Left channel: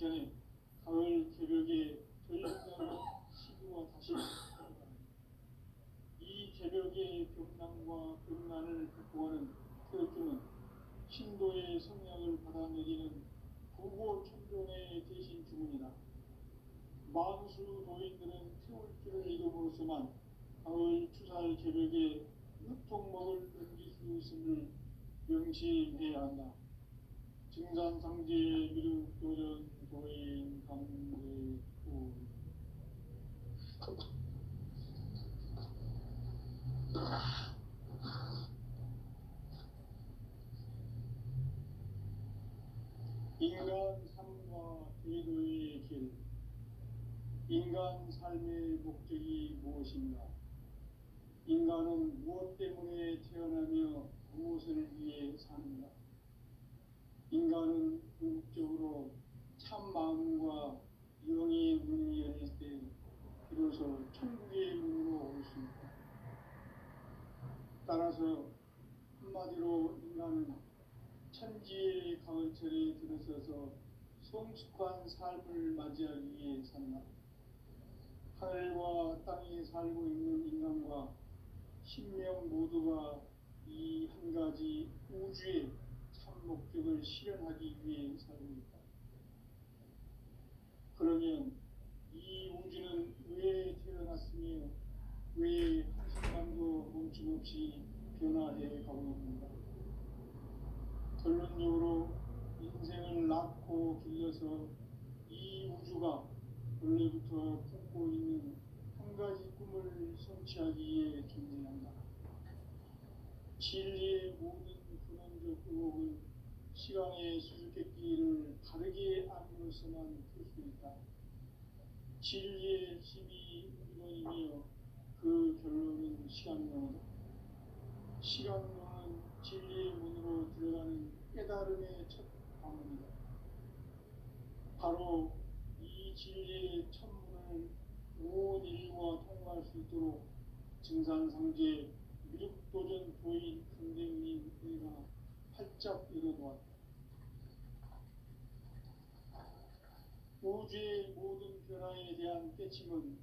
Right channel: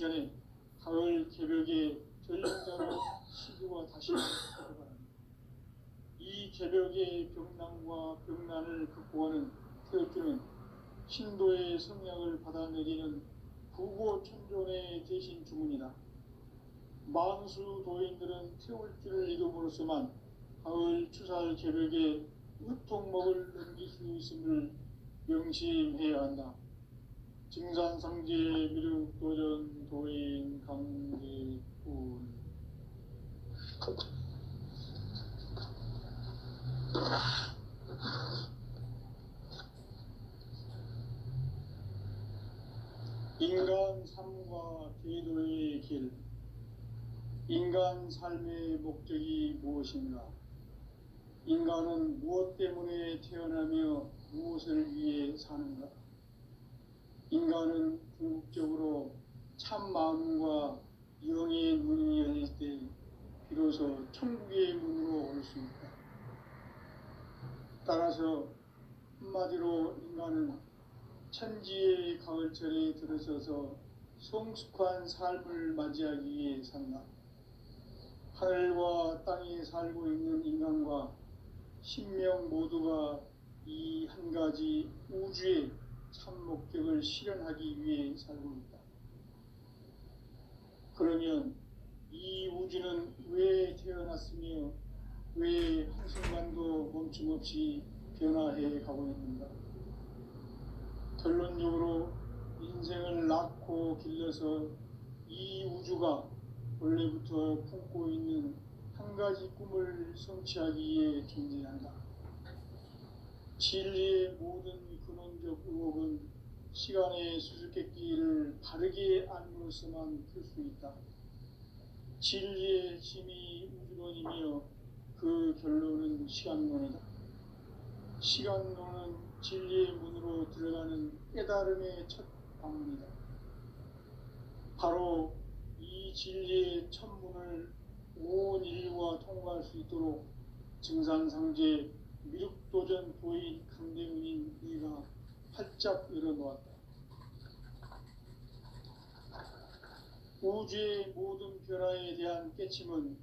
전에 가을 개벽의 전령자로 시기와 다시 찾아갑니다. 이 개벽의 병난과 병난을 극복하는 태극기는 신도의 성령을 받아내리는 부고천존의 대신 주문이다. 만수 도인들은 태울 줄을 익음으로써만 가을 추살 개벽의 유통목을 넘길 수 있음을 명심해야 한다. 증산상제 미륵도전 도인 강제군. 인간 삶과 대도의 길. 인간 삶의 목적이 무엇인가? 인간은 무엇 때문에 태어나며 무엇을 위해 사는가? 인간은 궁극적으로 참 마음과 영의 문이 열릴 때 비로소 천국의 문으로 올 수 있다. 따라서 한마디로 인간은 천지의 가을철에 들어서서 성숙한 삶을 맞이하기 위해 산다. 하늘과 땅에 살고 있는 인간과 신명 모두가 이 한 가지 우주의 참 목적을 실현하기 위해 살고 있다. 그러면 이 우주는 왜 태어났으며 왜 한순간도 멈춤없이 변화해 가고 있는가? 결론적으로 인생을 낳고 길러서 이 우주가 원래부터 품고 있는 한 가지 꿈을 성취하기 위해 존재한다. 진리의 모든 근원적 의혹은 시간의 수수께끼를 바르게 안으로서만 풀 수 있다. 진리의 힘이 우주론이며 그 결론은 시간론이다. 시간론은 진리의 문으로 들어가는 깨달음의 첫 방문이다. 바로 이 진리의 첫 문을 온 인류가 통과할 수 있도록 증산상제 미륵도전 도인 강대문인 내가 활짝 열어놓았다. 우주의 모든 변화에 대한 깨침은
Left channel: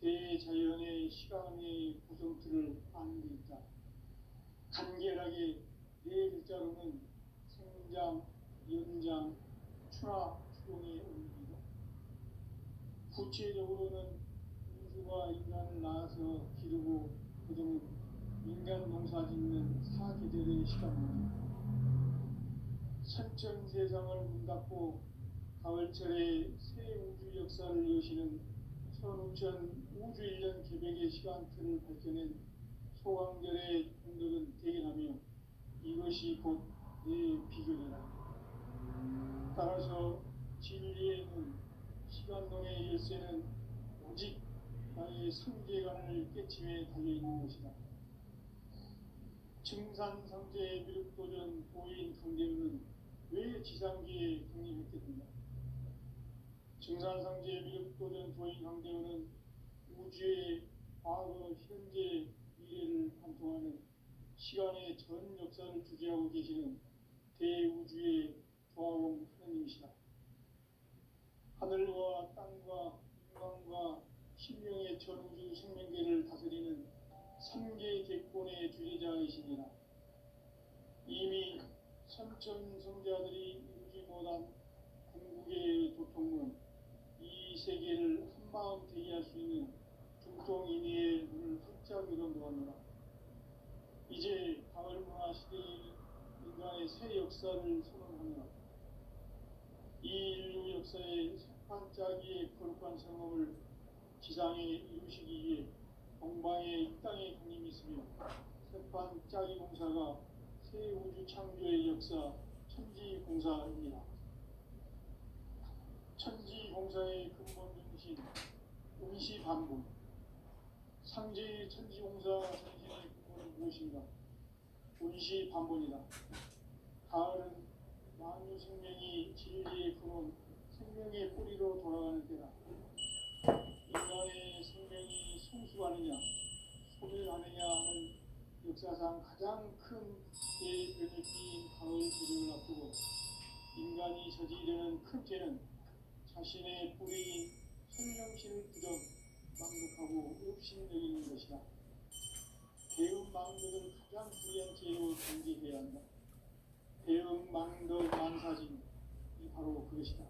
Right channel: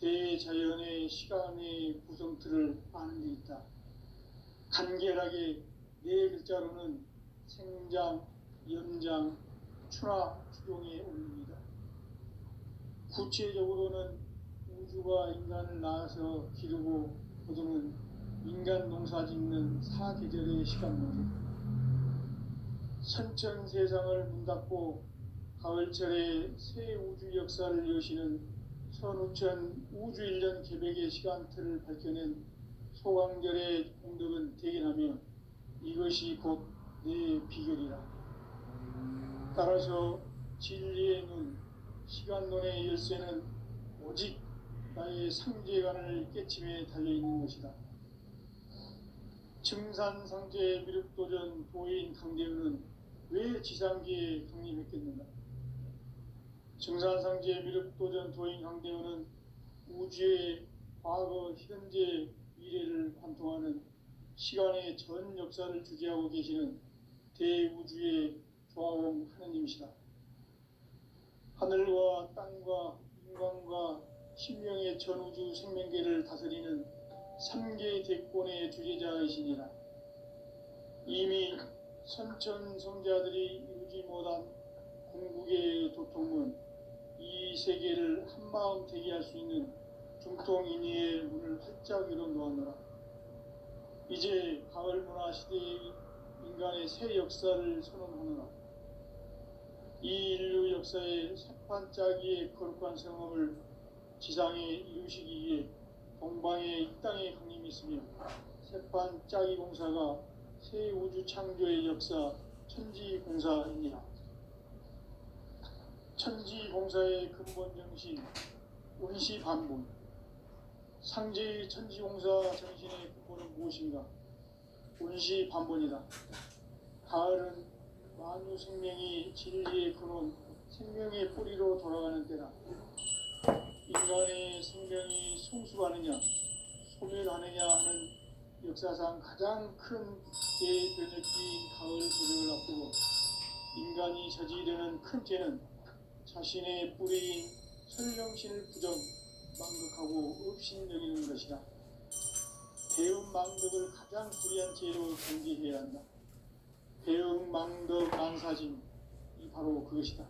대자연의 시간의 구성틀을 아는 데 있다. 간결하게 네 글자로는 생장, 연장, 추나 추동의 원리입니다. 구체적으로는 우주가 인간을 낳아서 기르고 거두는 인간 농사 짓는 사계절의 시간론입니다. 선천세상을 문닫고 가을철에 새 우주 역사를 여시는 선우천 우주일년 개벽의 시간틀을 밝혀낸 소강절의 공덕은 대견하며 이것이 곧 내 비결이라. 따라서 진리의 눈, 시간론의 열쇠는 오직 나의 상제관을 깨침에 달려있는 것이다. 증산상제 미륵도전 도인 강대은은 왜 지상계에 강림했겠는가? 증산상제 미륵도전 도인 강대은은 우주의 과거, 현재, 미래를 관통하는 시간의 전 역사를 주재하고 계시는 대우주의 조화원 하느님이시다. 하늘과 땅과 인간과 신명의 전우주 생명계를 다스리는 3계 대권의 주재자이시니라. 이미 선천성자들이 이루지 못한 궁극의 도통은 이 세계를 한마음 되게 할 수 있는 중통인의의 문을 활짝 열어놓았노라. 이제 가을 문화 시대의 인간의 새 역사를 선언하노라. 이 인류 역사의 새판짜기의 거룩한 성험을 지상에 이루시기 위해 동방의 이 땅에 강림이 있으며 새판짜기 공사가 새 우주 창조의 역사 천지공사입니다. 천지공사의 근본 정신 운시반분. 상제의 천지공사 정신의 근본은 무엇인가? 운시반분이다. 가을은 만유 생명이 진리의 근원, 생명의 뿌리로 돌아가는 때다. 인간의 생명이 성숙하느냐, 소멸하느냐 하는 역사상 가장 큰 대변혁기인 가을 개벽을 앞두고 인간이 저지르는 큰 죄는 자신의 뿌리인 설령신을 부정 망극하고 업신여기는 것이다. 배음 망덕을 가장 불의한 죄로 경계해야 한다. 배음 망덕 망사진이 바로 그것이다.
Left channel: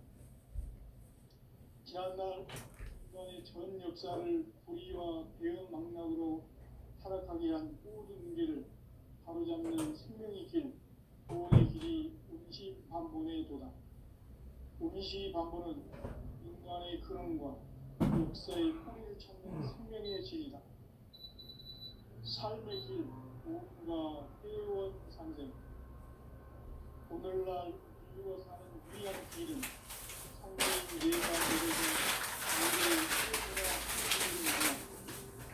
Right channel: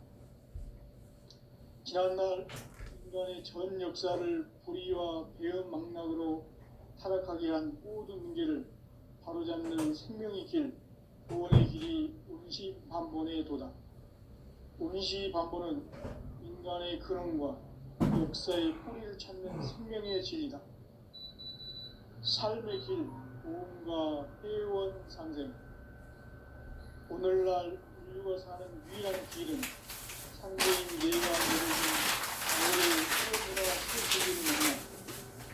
지난날 인간의 전 역사를 불의와 배음 망락으로 타락하게 한 모든 문제를 바로잡는 생명의 길, 구원의 길이 운시반본의 도다. 운시반본은 인간의 근원과 역사의 뿌리를 찾는 생명의 진이다. 삶의 길, 구원과 회원 상생. 오늘날 인류가 사는 유일한 길은 상대인 내가 내려진 오늘의 세계가 세계를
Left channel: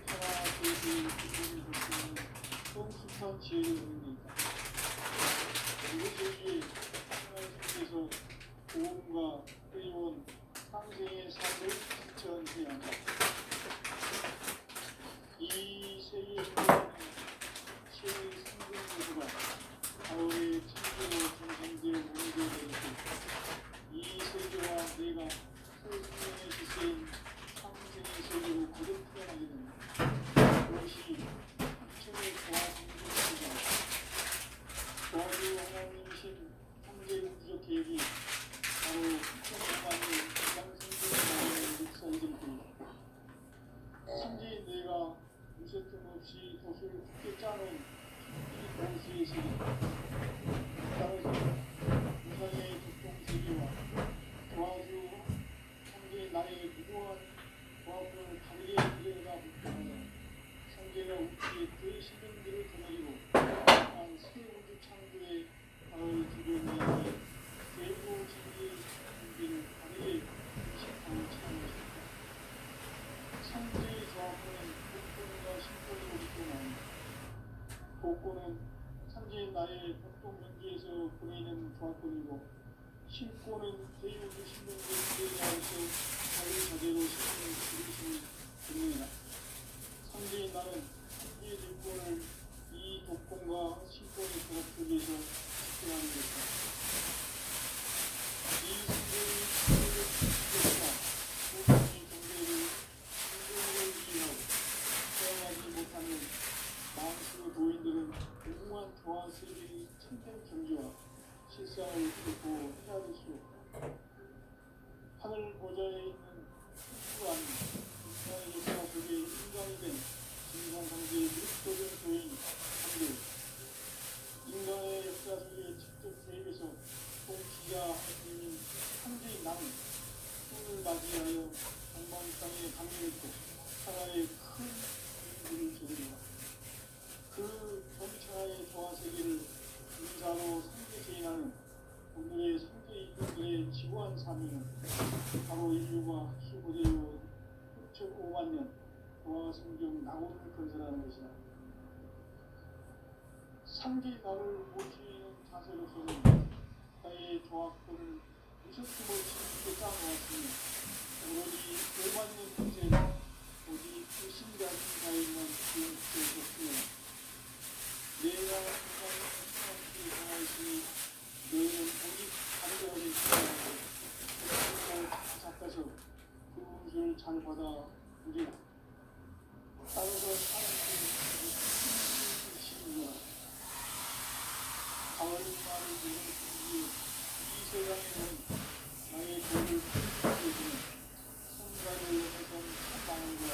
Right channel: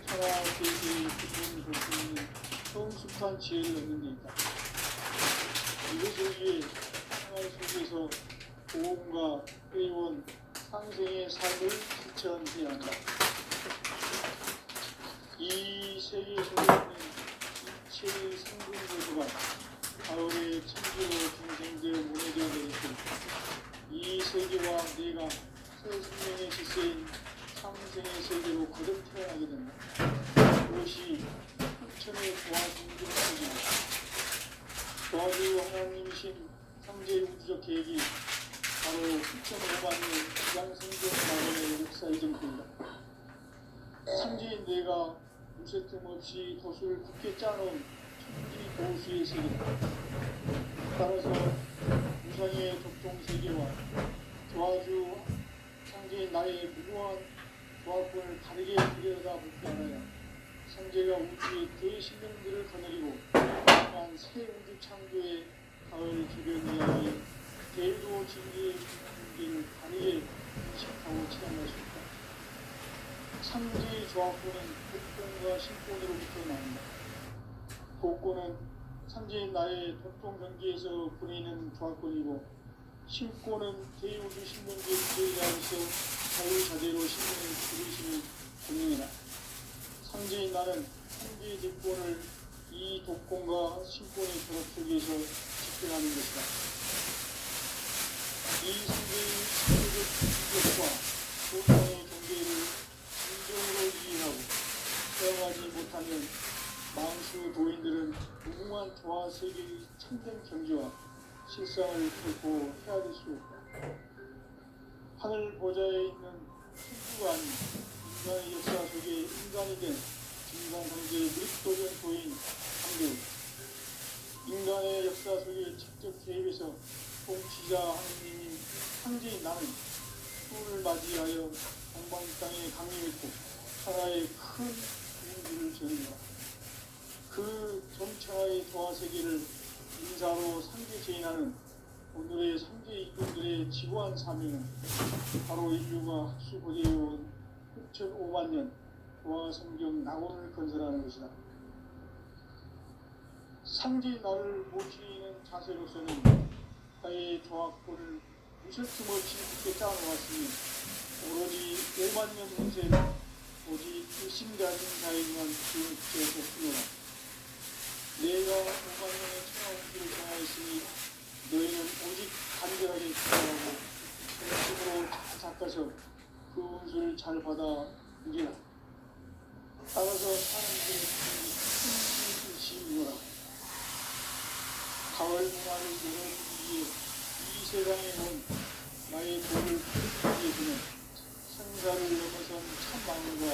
천하 세계의 기쁨을 볼 수 있는 성숙한 지혜를 얻는 데 있다. 이것을 위해 생활 속에서 보험과 회원, 상생의 삶을 실천해야 한다. 이 세계 속에 있는 이체의 생분 모두가 가을의 천지로 중생되어 무너져 내리고 이 세계와 내가 새 생명의 시세인 상생의 세계로 거듭 태어나게 된다. 그것이 흑천의 보아생존입니다. 도와주 하나님이신 상제 우주적 계획이 바로 2005만년 기상생존 마련의 역사의 정토이다. 상제인 뇌가 무쇠틈 없이 돛을 굳게 짜놓은 천지 보수의 세계다. 따라서 우상의 독종세계와 도와주 상제인 나의 무고한 조합을 다르게 들여다볼 때 알아야 상제가 우주의 대신령들을 거느리고 또한 새 우주 창조의 가을 주변 이야기에 대도 진리의 문제를 다르게 인식하고 체험할 수 있다. 상제의 조합권은 복권과 신권으로부터 나온다. 복권은 상제인 나의 독종 경기에서 보내는 조합권이고 신권은 대우주 신명제 주제자로서 자유자재로 신명을 부르심을 분명이다. 상제인 나는 상제의 대권을 이 독권과 신권의 조합 속에서 집행하는 것이다. 이 상제의 사회적 충격과 보상의 경계를 진정으로 이해하고 수행하지 못하면 만수 도인들은 무궁한 조화 세계의 참된 경지와 실상을 결코 헤아릴 수 없다. 하늘 보좌에 있는 천주가 아닌 인간의 역사 속에 인간이 된 진상상제의 윗도전 도인 상제, 인간의 역사 속에 직접 개입해서 통치자 하느님인 상제인 나는 수을 맞이하여 동방 땅에 강림했고 천하의 큰 민주를 저는다. 그 전천하의 조화 세계를 인사로 상제 제인하는 오늘의 상제 이꾼들의 지구한 사명은 바로 인류가 학수고대해온 6,500만 년 조화 성경 낙원을 건설하는 것이다. 상제 나를 모시는 자세로서는 나의 조합권을 무쇠틈 없이 깊게 짜놓았으니 오로지 5만 년 전세 오직 신자진 자에게만 기억되었으며 내가 5만 년의 천하원수를 정하였으니 너희는 오직 간절하게 기도하고 힘으로 닦아서 그 운수를 잘 받아 누리라. 따라서 하나님께 큰 뜻이구나. 가을 문화를 보는 이 세상에 온 나의 죄를 풀어주는 성자를 넘어선 참마음과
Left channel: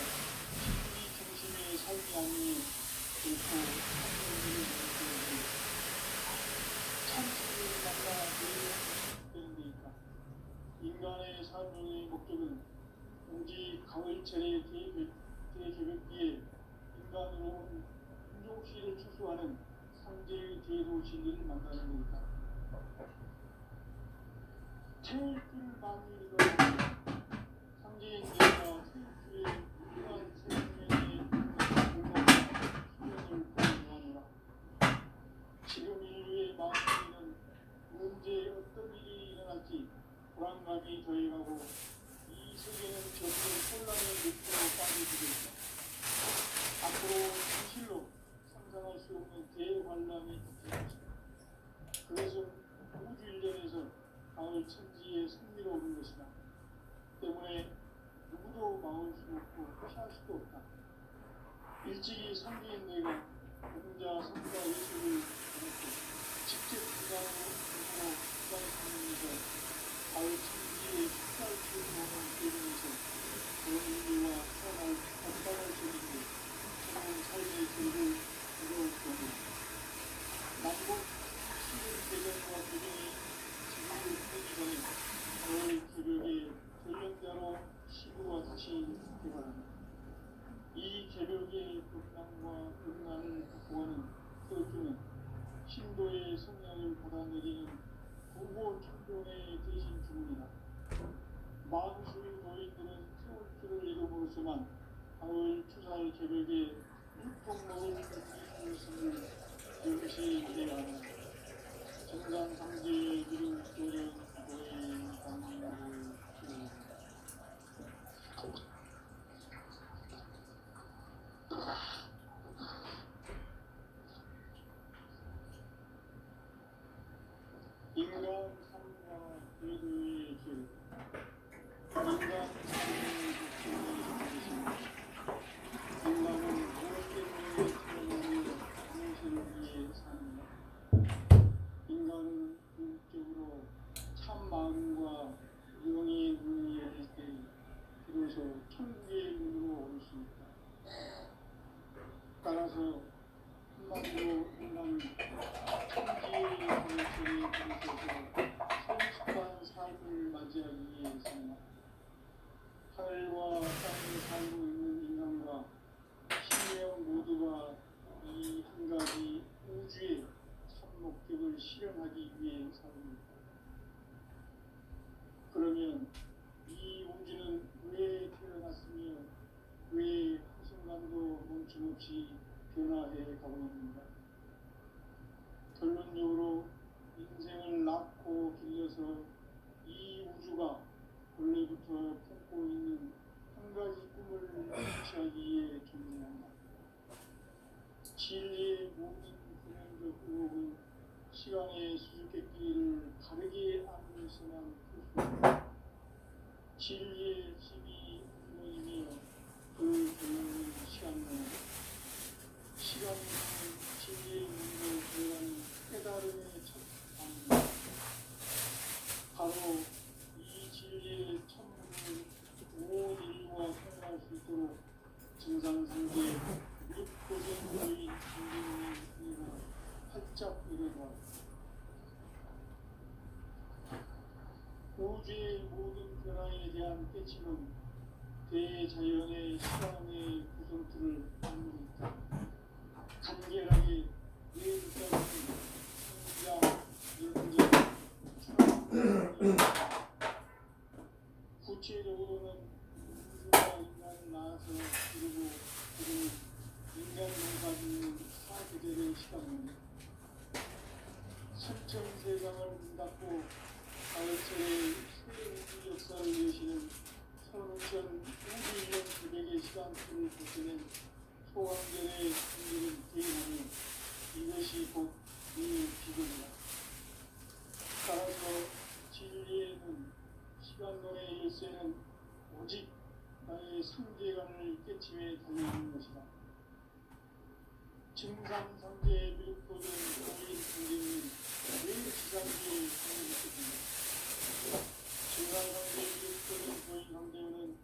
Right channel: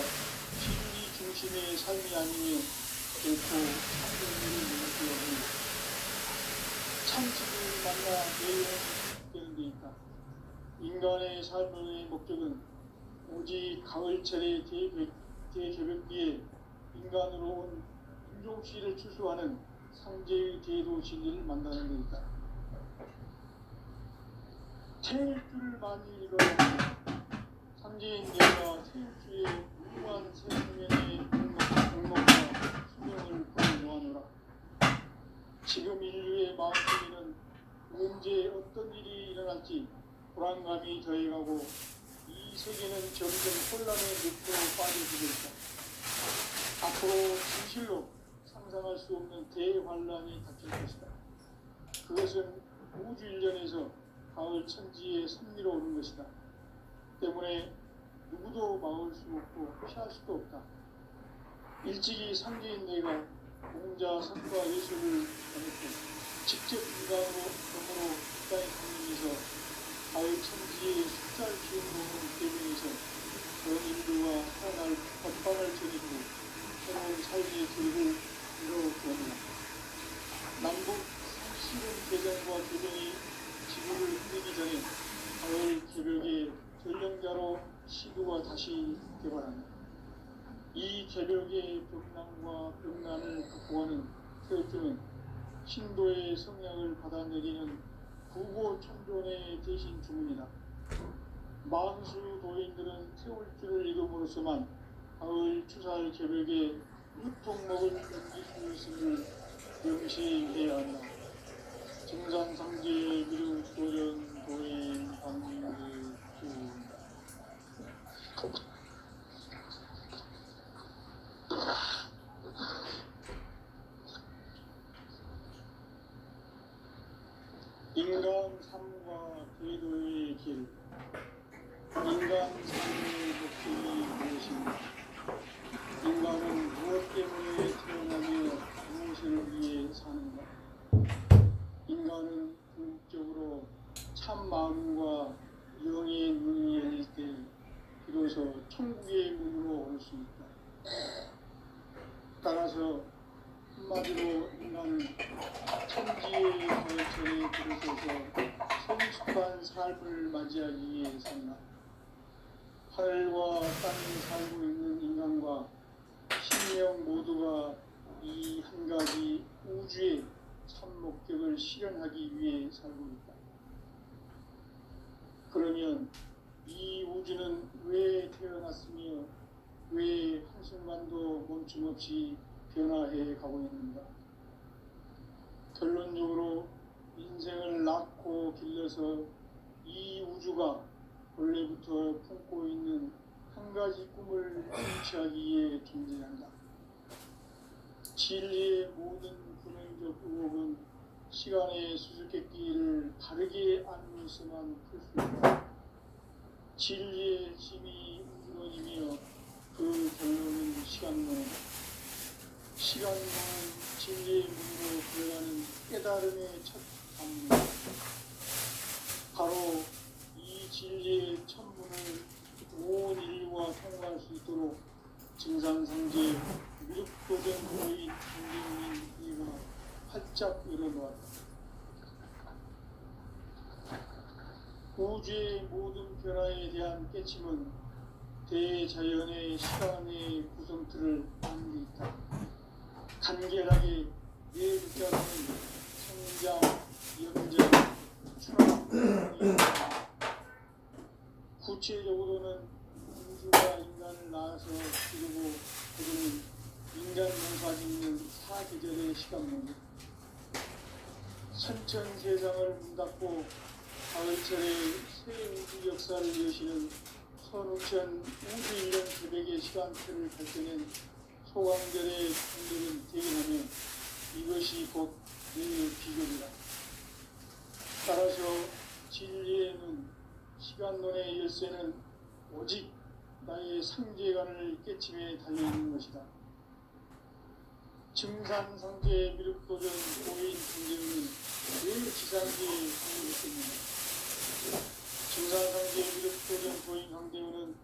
진리 중심의 삶이 아니니 결코 참견들을 느끼어도 참신을 만나 내일은 되는 데 있다. 인간의 삶의 목적은 오직 가을철의 대개벽기에 인간으로 온 인종시를 추수하는 상제의 대도 진리를 만나는 데 있다. 태일주를 많이 읽어보면 상제인 내가 태일주의 무한 생명의 공목과 수명을 보여놓아노라. 지금 인류의 마음속에는 언제 어떤 일이 일어날지 불안감이 더해가고 이 세계는 점점 혼란의 늪으로 빠져들고 있다. 앞으로 진실로 상상할 수 없는 대환란이 닥칠 것이다. 그것은 우주 일련에서 가을 천지의 섭리로 오는 것이다. 때문에 누구도 막을 수 없고 피할 수도 없다. 일찍이 상계인내가 공자 선과 예술을 전했고 직접 인간으로 땅에 살면서 가을천지의 숫살 키우는 대중에서 전 인류와 살아날 법반을 저지르고 새로운 삶의 길을 열어주었다. 남북 시군 대전과 대중이 지구를 흔들기 전에 가을 개벽의 전령자로 시구가 다시 개발한다. 이 개벽의 벽난과 벽난을 극복하는 태어주는 신도의 성령을 받아내리는 부고 천존의 대신 주문이다. 망수 도인들은 태울주를 이름으로서만 가을 추살 개벽에 육통목을 넘길 수 있음을 명시해야 한다. 정산상제 미륵 도전 도인 방문의 인간 삶과 궤도의 길. 인간 삶의 목적이 무엇인가? 인간은 무엇 때문에 태어나며 무엇을 위해 사는가? 인간은 궁극적으로 참 마음과 영의 눈이 열릴 때 비로소 천국의 문으로 올 수 있다. 따라서 한마디로 인간은 천지의 거처에 들어서서 성숙한 삶을 맞이하기 위해 산다. 하늘과 땅에 살고 있는 인간과 신령 모두가 이 한 가지 우주의 참 목적을 실현하기 위해 살고 있다. 그러면 이 우주는 왜 태어났으며 왜 한순간도 멈춤없이 변화해 가고 있는가? 결론적으로 인생을 낳고 길러서 이 우주가 원래부터 품고 있는 한 가지 꿈을 성취하기 위해 존재한다. 진리의 모든 근원적 의혹은 시간의 수수께끼를 바르게 알고 있어만 풀 수 있다. 진리의 집이 우주론이며 그 결론은 시간론이다. 시간론은 진리의 문으로 들어가는 깨달음의 첫 방문이다. 바로 이 진리의 천문을 온 인류가 통과할 수 있도록 증산상제 미륵도전도인 강경민이가 활짝 열어놓았다. 우주의 모든 변화에 대한 깨침은 대자연의 시간의 구성틀을 갖는 데 있다. 간결하게 예붙잡은 성장, 연장, 추락, 구체적으로는 우주가 인간을 낳아서 기르고 그들은 인간 농사짓는 사계절의 시간입니다. 천천 세상을 문닫고 가을철의 새 우주 역사를 여시는 선우천 우주 인간 새벽의 시간표를 발견한 소강절의 풍경을 대견하며 이것이 곧 인의 비결이다. 따라서 진리의 눈, 시간론의 열쇠는 오직 나의 상제관을 깨침에 달려있는 것이다. 증산상제 미륵도전 도인 경쟁은 왜 지상계에 성립했는가? 증산상제 미륵도전 도인 강대원은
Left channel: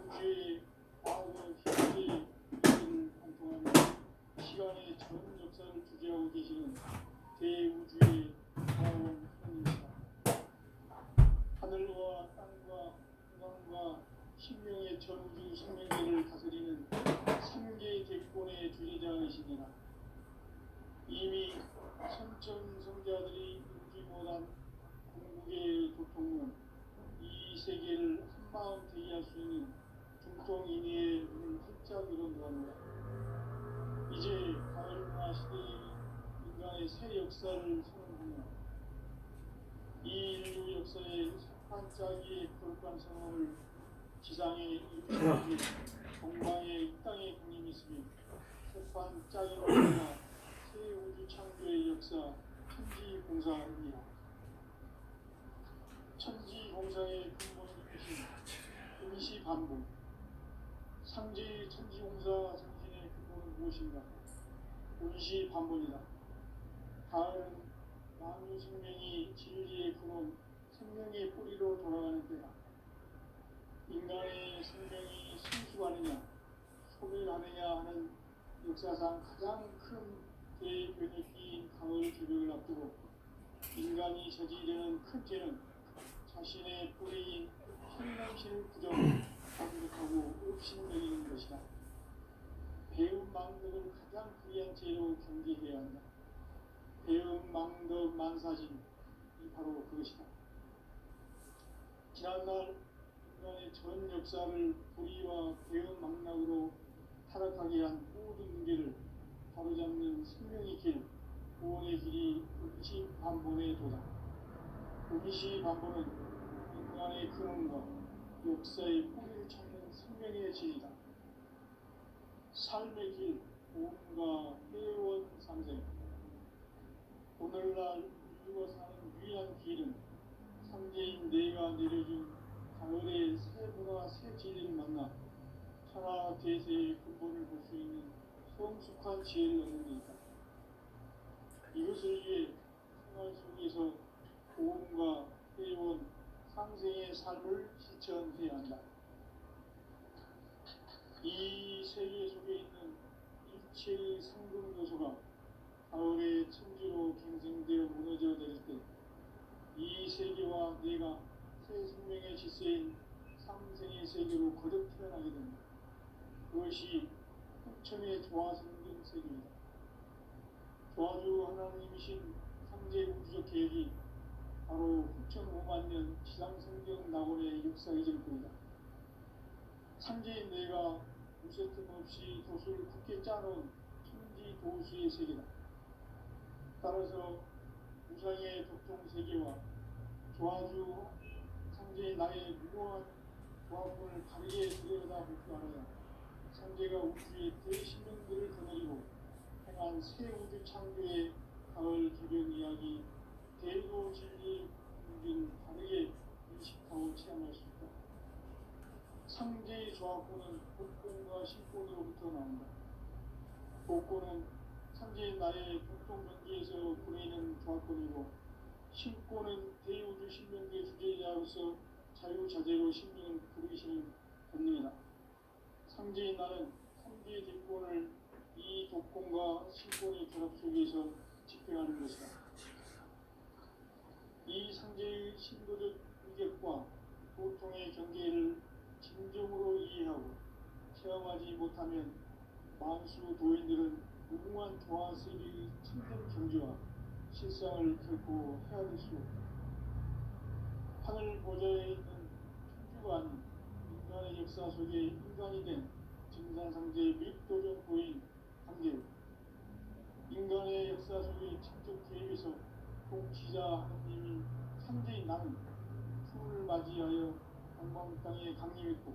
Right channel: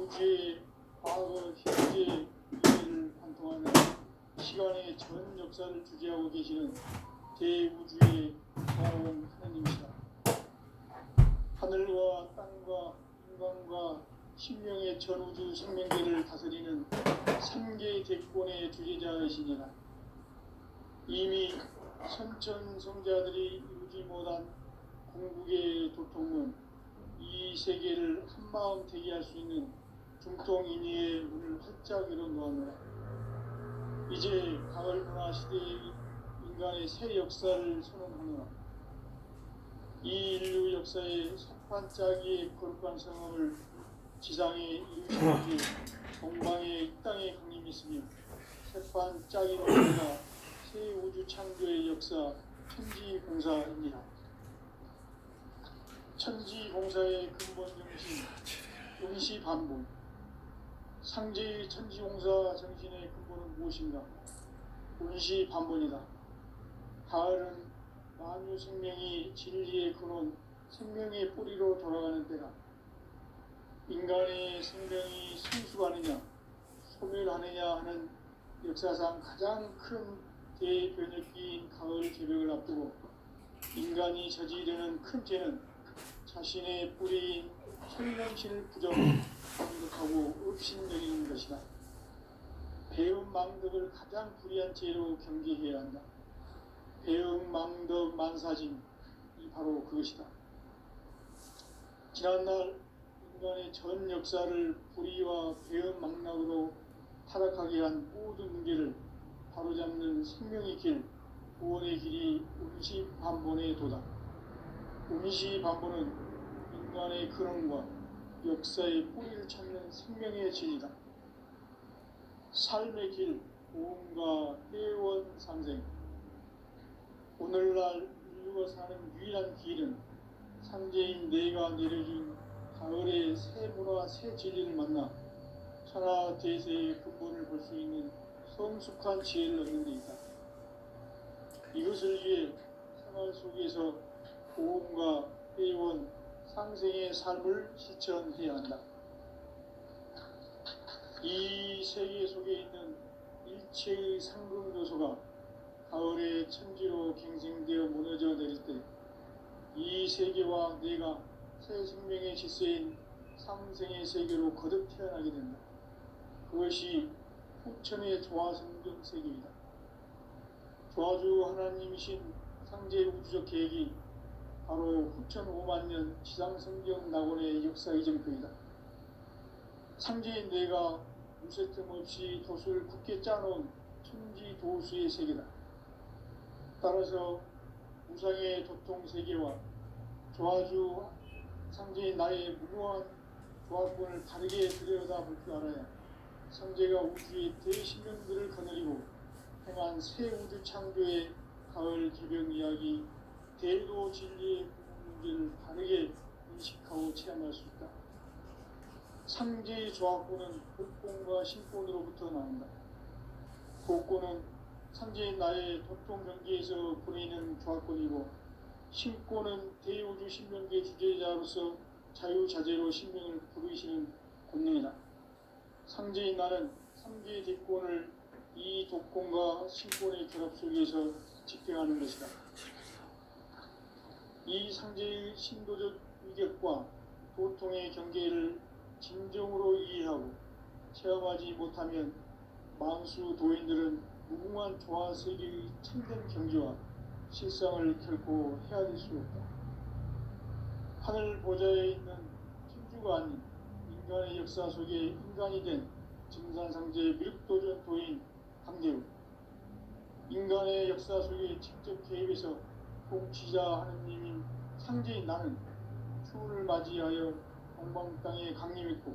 우주의 과거, 현재, 미래를 관통하는 시간의 전 역사를 주재하고 계시는 대우주의 다원 하나님이시다. 하늘과 땅과 인간과 신명의 전우주 생명계를 다스리는 3개 대권의 주제자이시니라. 이미 선천성자들이 이루지 못한 궁극의 도통론, 이 세계를 한마음 되게 할 수 있는 중통인의의 문을 활짝 열어놓았노라. 이제 가을 문화 시대의 인간의 새 역사를 선언하노라. 이 인류 역사의 첫 반짝이의 거룩한 성함을 지상에 이루시기에 동방에 이 땅에 강림이 있으며 새 반짝이는 우리가 새 우주 창조의 역사 천지공사입니다. 천지공사의 근본 정신 운시반본. 상제의 천지용사 정신의 근본은 무엇인가? 운시반본이다. 가을은 만유 생명이 진리의 근원, 생명의 뿌리로 돌아가는 때다. 인간의 생명이 성숙하느냐 소멸하느냐 하는 역사상 가장 큰 대변혁기인 가을 개벽을 앞두고 인간이 저지르는 큰 죄는 자신의 뿌리인 천명신을 부정하고 업신여기는 것이다. 배은망덕을 가장 불의한 죄로 경계해야 한다. 배은망덕 만사진이 바로 그것이다. 지난날 인간의 전 역사를 불의와 배은망락으로 타락하게 한 모든 문제를 바로잡는 생명의 길, 구원의 길이 운시반본의 도다. 운시반본은 인간의 근원과 역사의 뿌리를 찾는 생명의 진이다. 삶의 길, 고음과 회원 상생. 오늘날 인류가 사는 유일한 길은 상제인 내가 내려준 가을의 새 문화 새 진리를 만나 천하 대세의 근본을 볼 수 있는 성숙한 지혜를 얻는 데 있다. 이것을 위해 생활 속에서 고음과 회원 상생의 삶을 실천해야 한다. 이 세계 속에 있는 일체의 상금 요소가 가을의 천지로 갱생되어 무너져 내릴 때 이 세계와 내가 새 생명의 질서인 상생의 세계로 거듭 태어나게 된다. 그것이 후천의 조화성경 세계이다. 조화주 하나님이신 상제 우주적 계획이 바로 후천 5만년 지상성경 낙원의 역사 이전표이다. 상제인 내가 무쇠틈 없이 도수를 굳게 짜놓은 천지 도수의 세계다. 따라서 무상의 도통 세계와 조화주 상제인 나의 무궁한 조화권을 다르게 들여다볼 줄 알아야 상제가 우주의 대신령들을 거느리고 행한 새 우주 창조의 가을 개벽 이야기 대도 진리의 문제를 다르게 인식하고 체험할 수 있다. 상제의 조화권은 복권과 신권으로부터 나온다. 복권은 상제인 나의 도통 경계에서 보이는 조화권이고 신권은 대우주 신명계 주제자로서 자유자재로 신명을 부르시는 권능이다. 상제인 나는 3개의 대권을 이 독권과 신권의 결합 속에서 집행하는 것이다. 이 상제의 신도적 위격과 고통의 경계를 진정으로 이해하고 체험하지 못하면 만수 도인들은 무궁한 조화세계의 참된 경지와 실상을 결코 헤아릴 수 없다. 하늘 보좌에 있는 천주가 아닌 인간의 역사 속에 인간이 된 증산상제 묘도전 도인 강대우. 인간의 역사 속에 직접 개입해서 통치자 하느님인 상제인 나는 추운을 맞이하여 동방 땅에 강림했고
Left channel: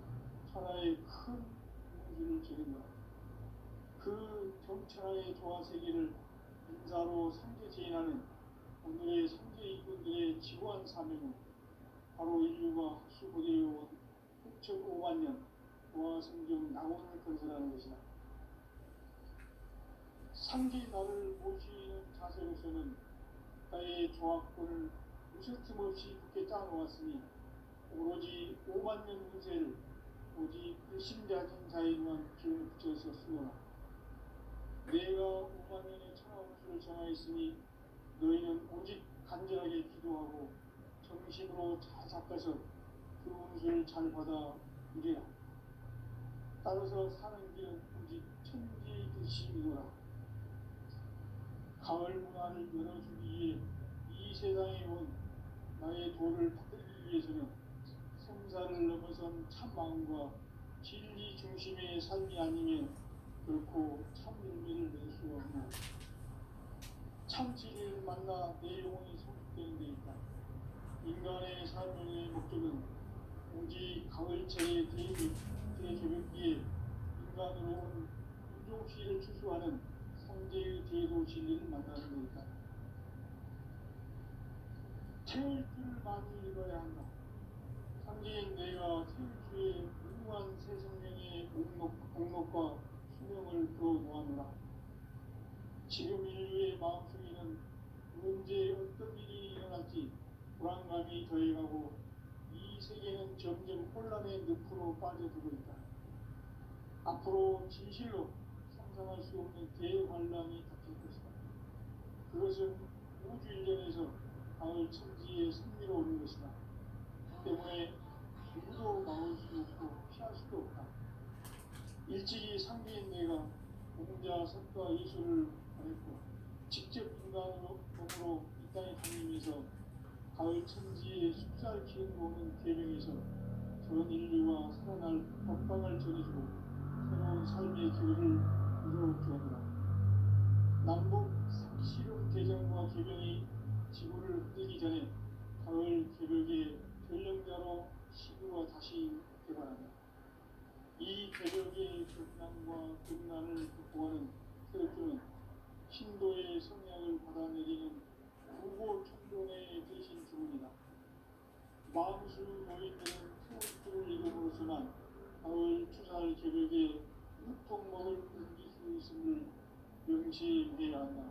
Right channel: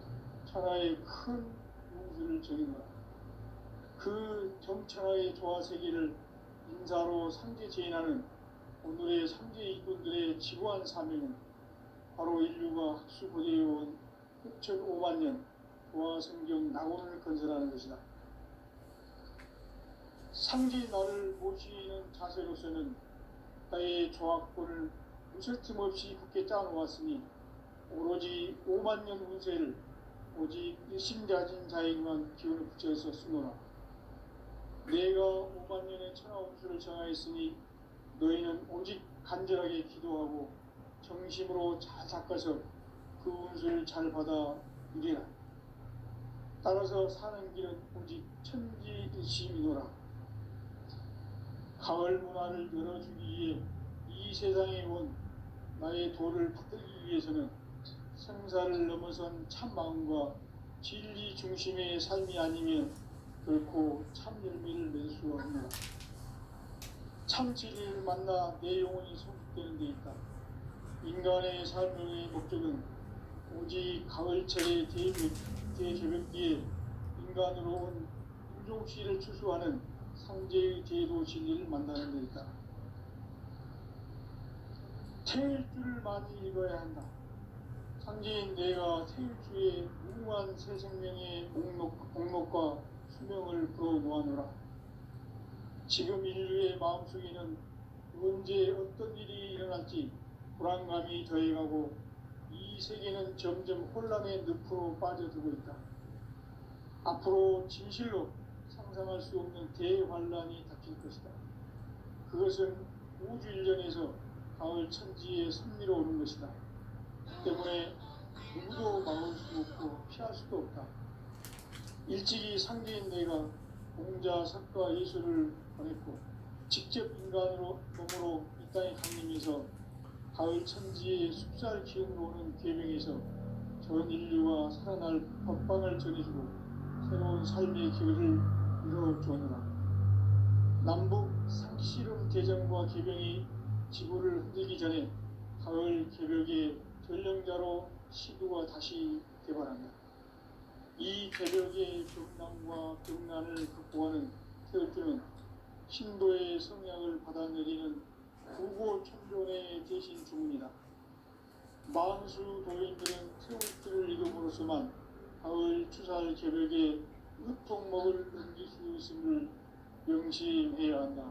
천하의 큰 우주를 정의하라. 그 정천하의 조화세계를 인사로 상제 제인하는 오늘의 상제 이꾼들의 지구한 사명은 바로 인류가 학수고대해온 후천 5만년 조화성경 낙원을 건설하는 것이다. 상제 나를 모시는 자세로서는 나의 조화권을 무설틈 없이 굳게 짜놓았으니 오로지 5만년 운세를 오직 일심자진 자에게만 기운을 붙여서 쓰노라. 내가 5만년의 천하운수를 정하였으니 너희는 오직 간절하게 기도하고 정심으로 잘 닦아서 그 운수를 잘 받아 누리라. 따라서 사는 길은 오직 천지일심이노라. 가을 문화를 열어주기 위해 이 세상에 온 나의 도를 받들기 위해서는 생사를 넘어선 참마음과 진리 중심의 삶이 아니면 결코 참 열매를 낼 수 없노라. 참 진리를 만나 내 영혼이 성숙되는 데 있다. 인간의 삶의 목적은 오직 가을철의 대개벽기에 인간으로 온 인종시를 추수하는 상제의 대도 진리를 만나는 데 있다. 태일주를 많이 읽어야 한다. 창제인 내가 태일주의 무궁한 새 생명의 목록과 수명을 풀어놓아노라. 지금 인류의 마음속에는 언제 어떤 일이 일어날지 불안감이 더해가고 이 세계는 점점 혼란의 늪으로 빠져들고 있다. 앞으로 진실로 상상할 수 없는 대환란이 닥칠 것이다. 그것은 우주 일련에서 가을 천지의 섭리로 오는 것이다. 때문에 누구도 막을 수 없고 피할 수도 없다. 일찍이 상대인 내가 공자, 석가, 예수를 보냈고 직접 인간으로 몸으로 이 땅에 강림해서 가을 천지의 숲살 기운으로 오는 계명에서 전 인류가 살아날 법방을 전해주고 새로운 삶의 기회를 이루어주느라. 남북 상씨름 대전과 개병이 지구를 흔들기 전에 가을 개벽의 전령자로 시도가 다시 개발한다. 이 개벽의 격난과 격난을 극복하는 태극기는 신도의 성향을 받아내리는 구보 천종의 대신 중입니다. 만수 도인들은 태극기를 이름으로서만 가을 추살 개벽의 유통목을 옮길 수 있음을 명심해야 한다.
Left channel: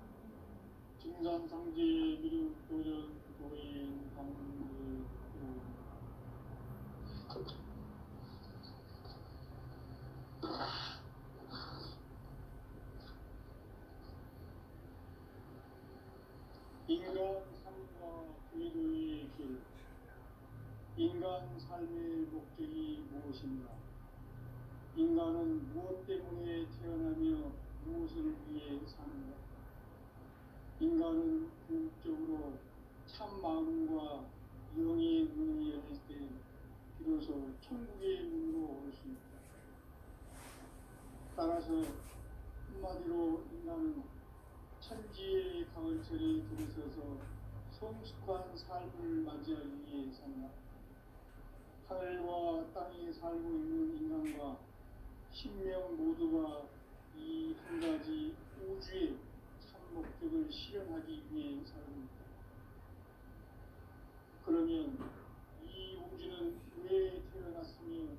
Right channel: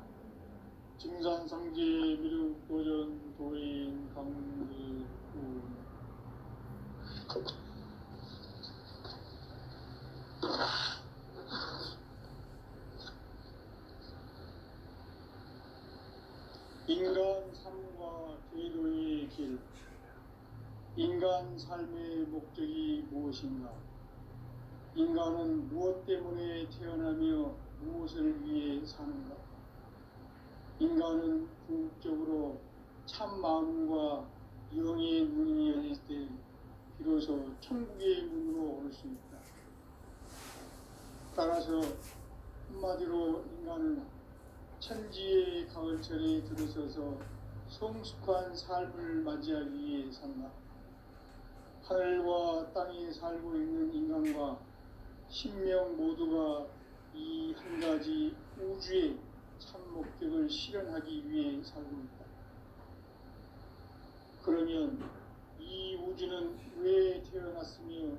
증산상제 미륵 도전 도인 강리 인간 삶과 궤도의 길. 인간 삶의 목적이 무엇인가? 인간은 무엇 때문에 태어나며 무엇을 위해 사는가? 인간은 궁극적으로 참 마음과 영의 문이 열릴 때 비로소 천국의 문으로 올 수 있다. 따라서 한마디로 인간은 천지의 가을철에 들어서서 성숙한 삶을 맞이하기 위해 산다. 하늘과 땅에 살고 있는 인간과 신명 모두가 이 한 가지 우주의 참 목적을 실현하기 위해 살고 있다. 그러면 이 우주는 왜 태어났으며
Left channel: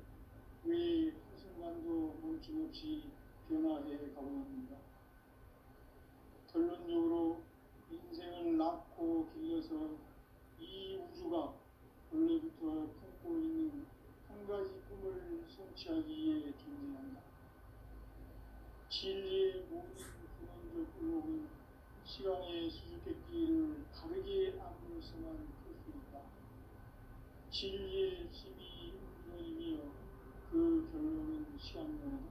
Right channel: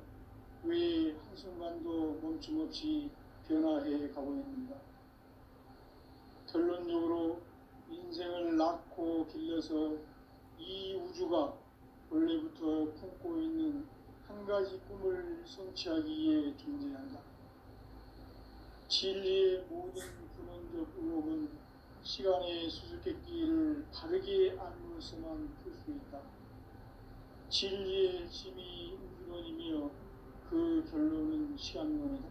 왜 한순간도 멈춤없이 변화해 가고 있는가? 결론적으로 인생을 낳고 길러서 이 우주가 원래부터 품고 있는 한 가지 꿈을 성취하기 위해 존재한다. 진리의 모든 근원적 의혹은 시간의 수수께끼를 바르게 알므로서만 풀 수 있다. 진리의 핵심이 우주론이며 그 결론은 시간론이다.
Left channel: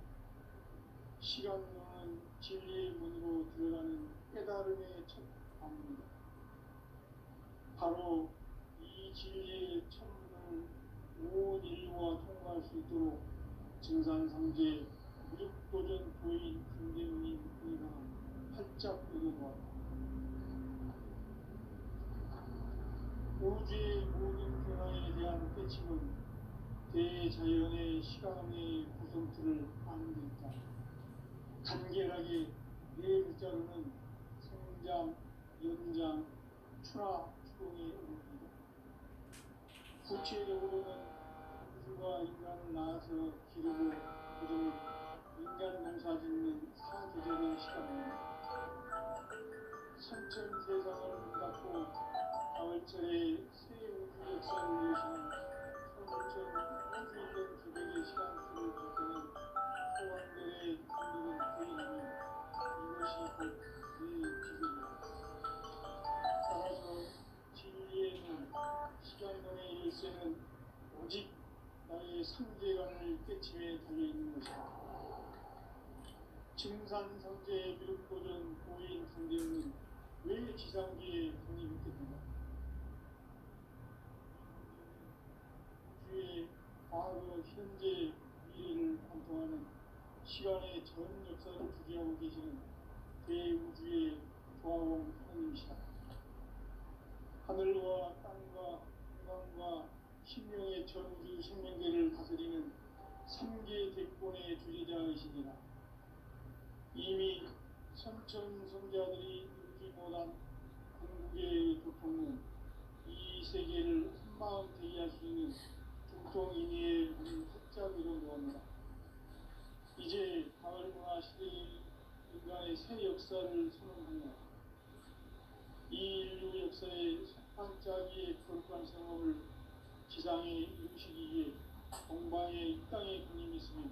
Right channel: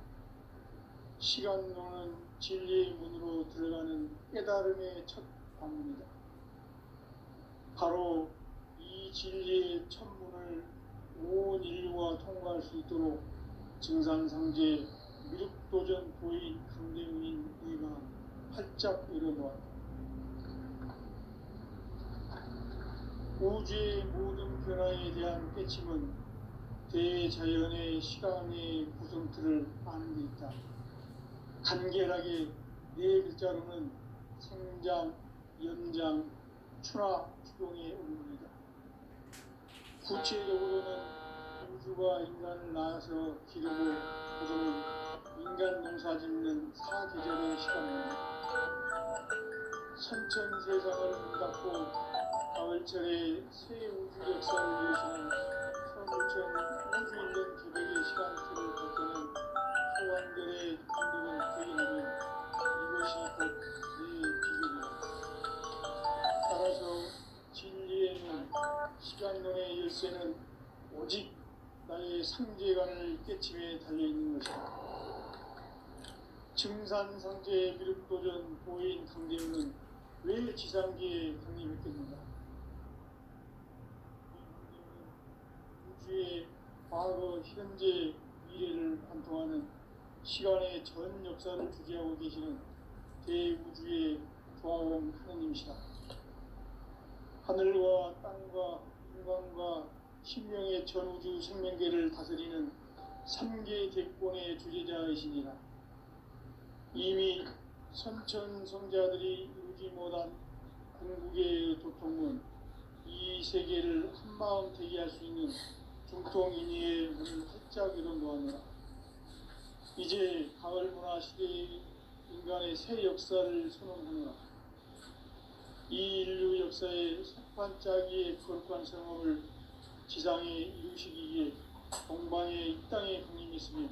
시간론은 진리의 문으로 들어가는 깨달음의 첫 방문이다. 바로 이 진리의 천문을 온 인류가 통과할 수 있도록 증산상제 미륵도전 도인 강대우인 내가 활짝 열어놓았다. 우주의 모든 변화에 대한 깨침은 대자연의 시간의 구성틀을 아는 데 있다. 간결하게 네 글자로는 생장, 연장, 추나 추동의 의미입니다. 구체적으로는 우주가 인간을 낳아서 기르고 부르는 인간 농사 짓는 사계절의 시간입니다. 선천세상을 닫고 가을철에 새 우주 역사를 이루시는 서울천 우주일년 기백의 시간틀을 볼 때는 소환들의 인도를 대기하면 이것이 곧 내 비극이다. 따라서 진리의 문, 시간론의 열쇠는 오직 나의 상제관을 깨침에 달려있는 것이다. 증산상제 미륵도전 보인 강대우는 왜 지상계에 강림했겠는가? 우주의 과거, 현재, 미래를 관통하는 시간의 전 역사를 주재하고 계시는 대우주의 조화원 하느님이시다. 하늘과 땅과 인간과 신명의 전우주 생명계를 다스리는 삼계 대권의 주제자이시니라. 이미 선천성자들이 이루지 못한 궁극의 도통은 이 세계를 한마음 되게 할 수 있는 중통 활짝 이뤄놓았노라. 이제 가을 문화 시대의 인간의 새 역사를 선언하노라. 이 인류 역사의 석반짜기의 거룩한 성업을 지상에 이루시기 위해 동방에 이 땅에 군림했으며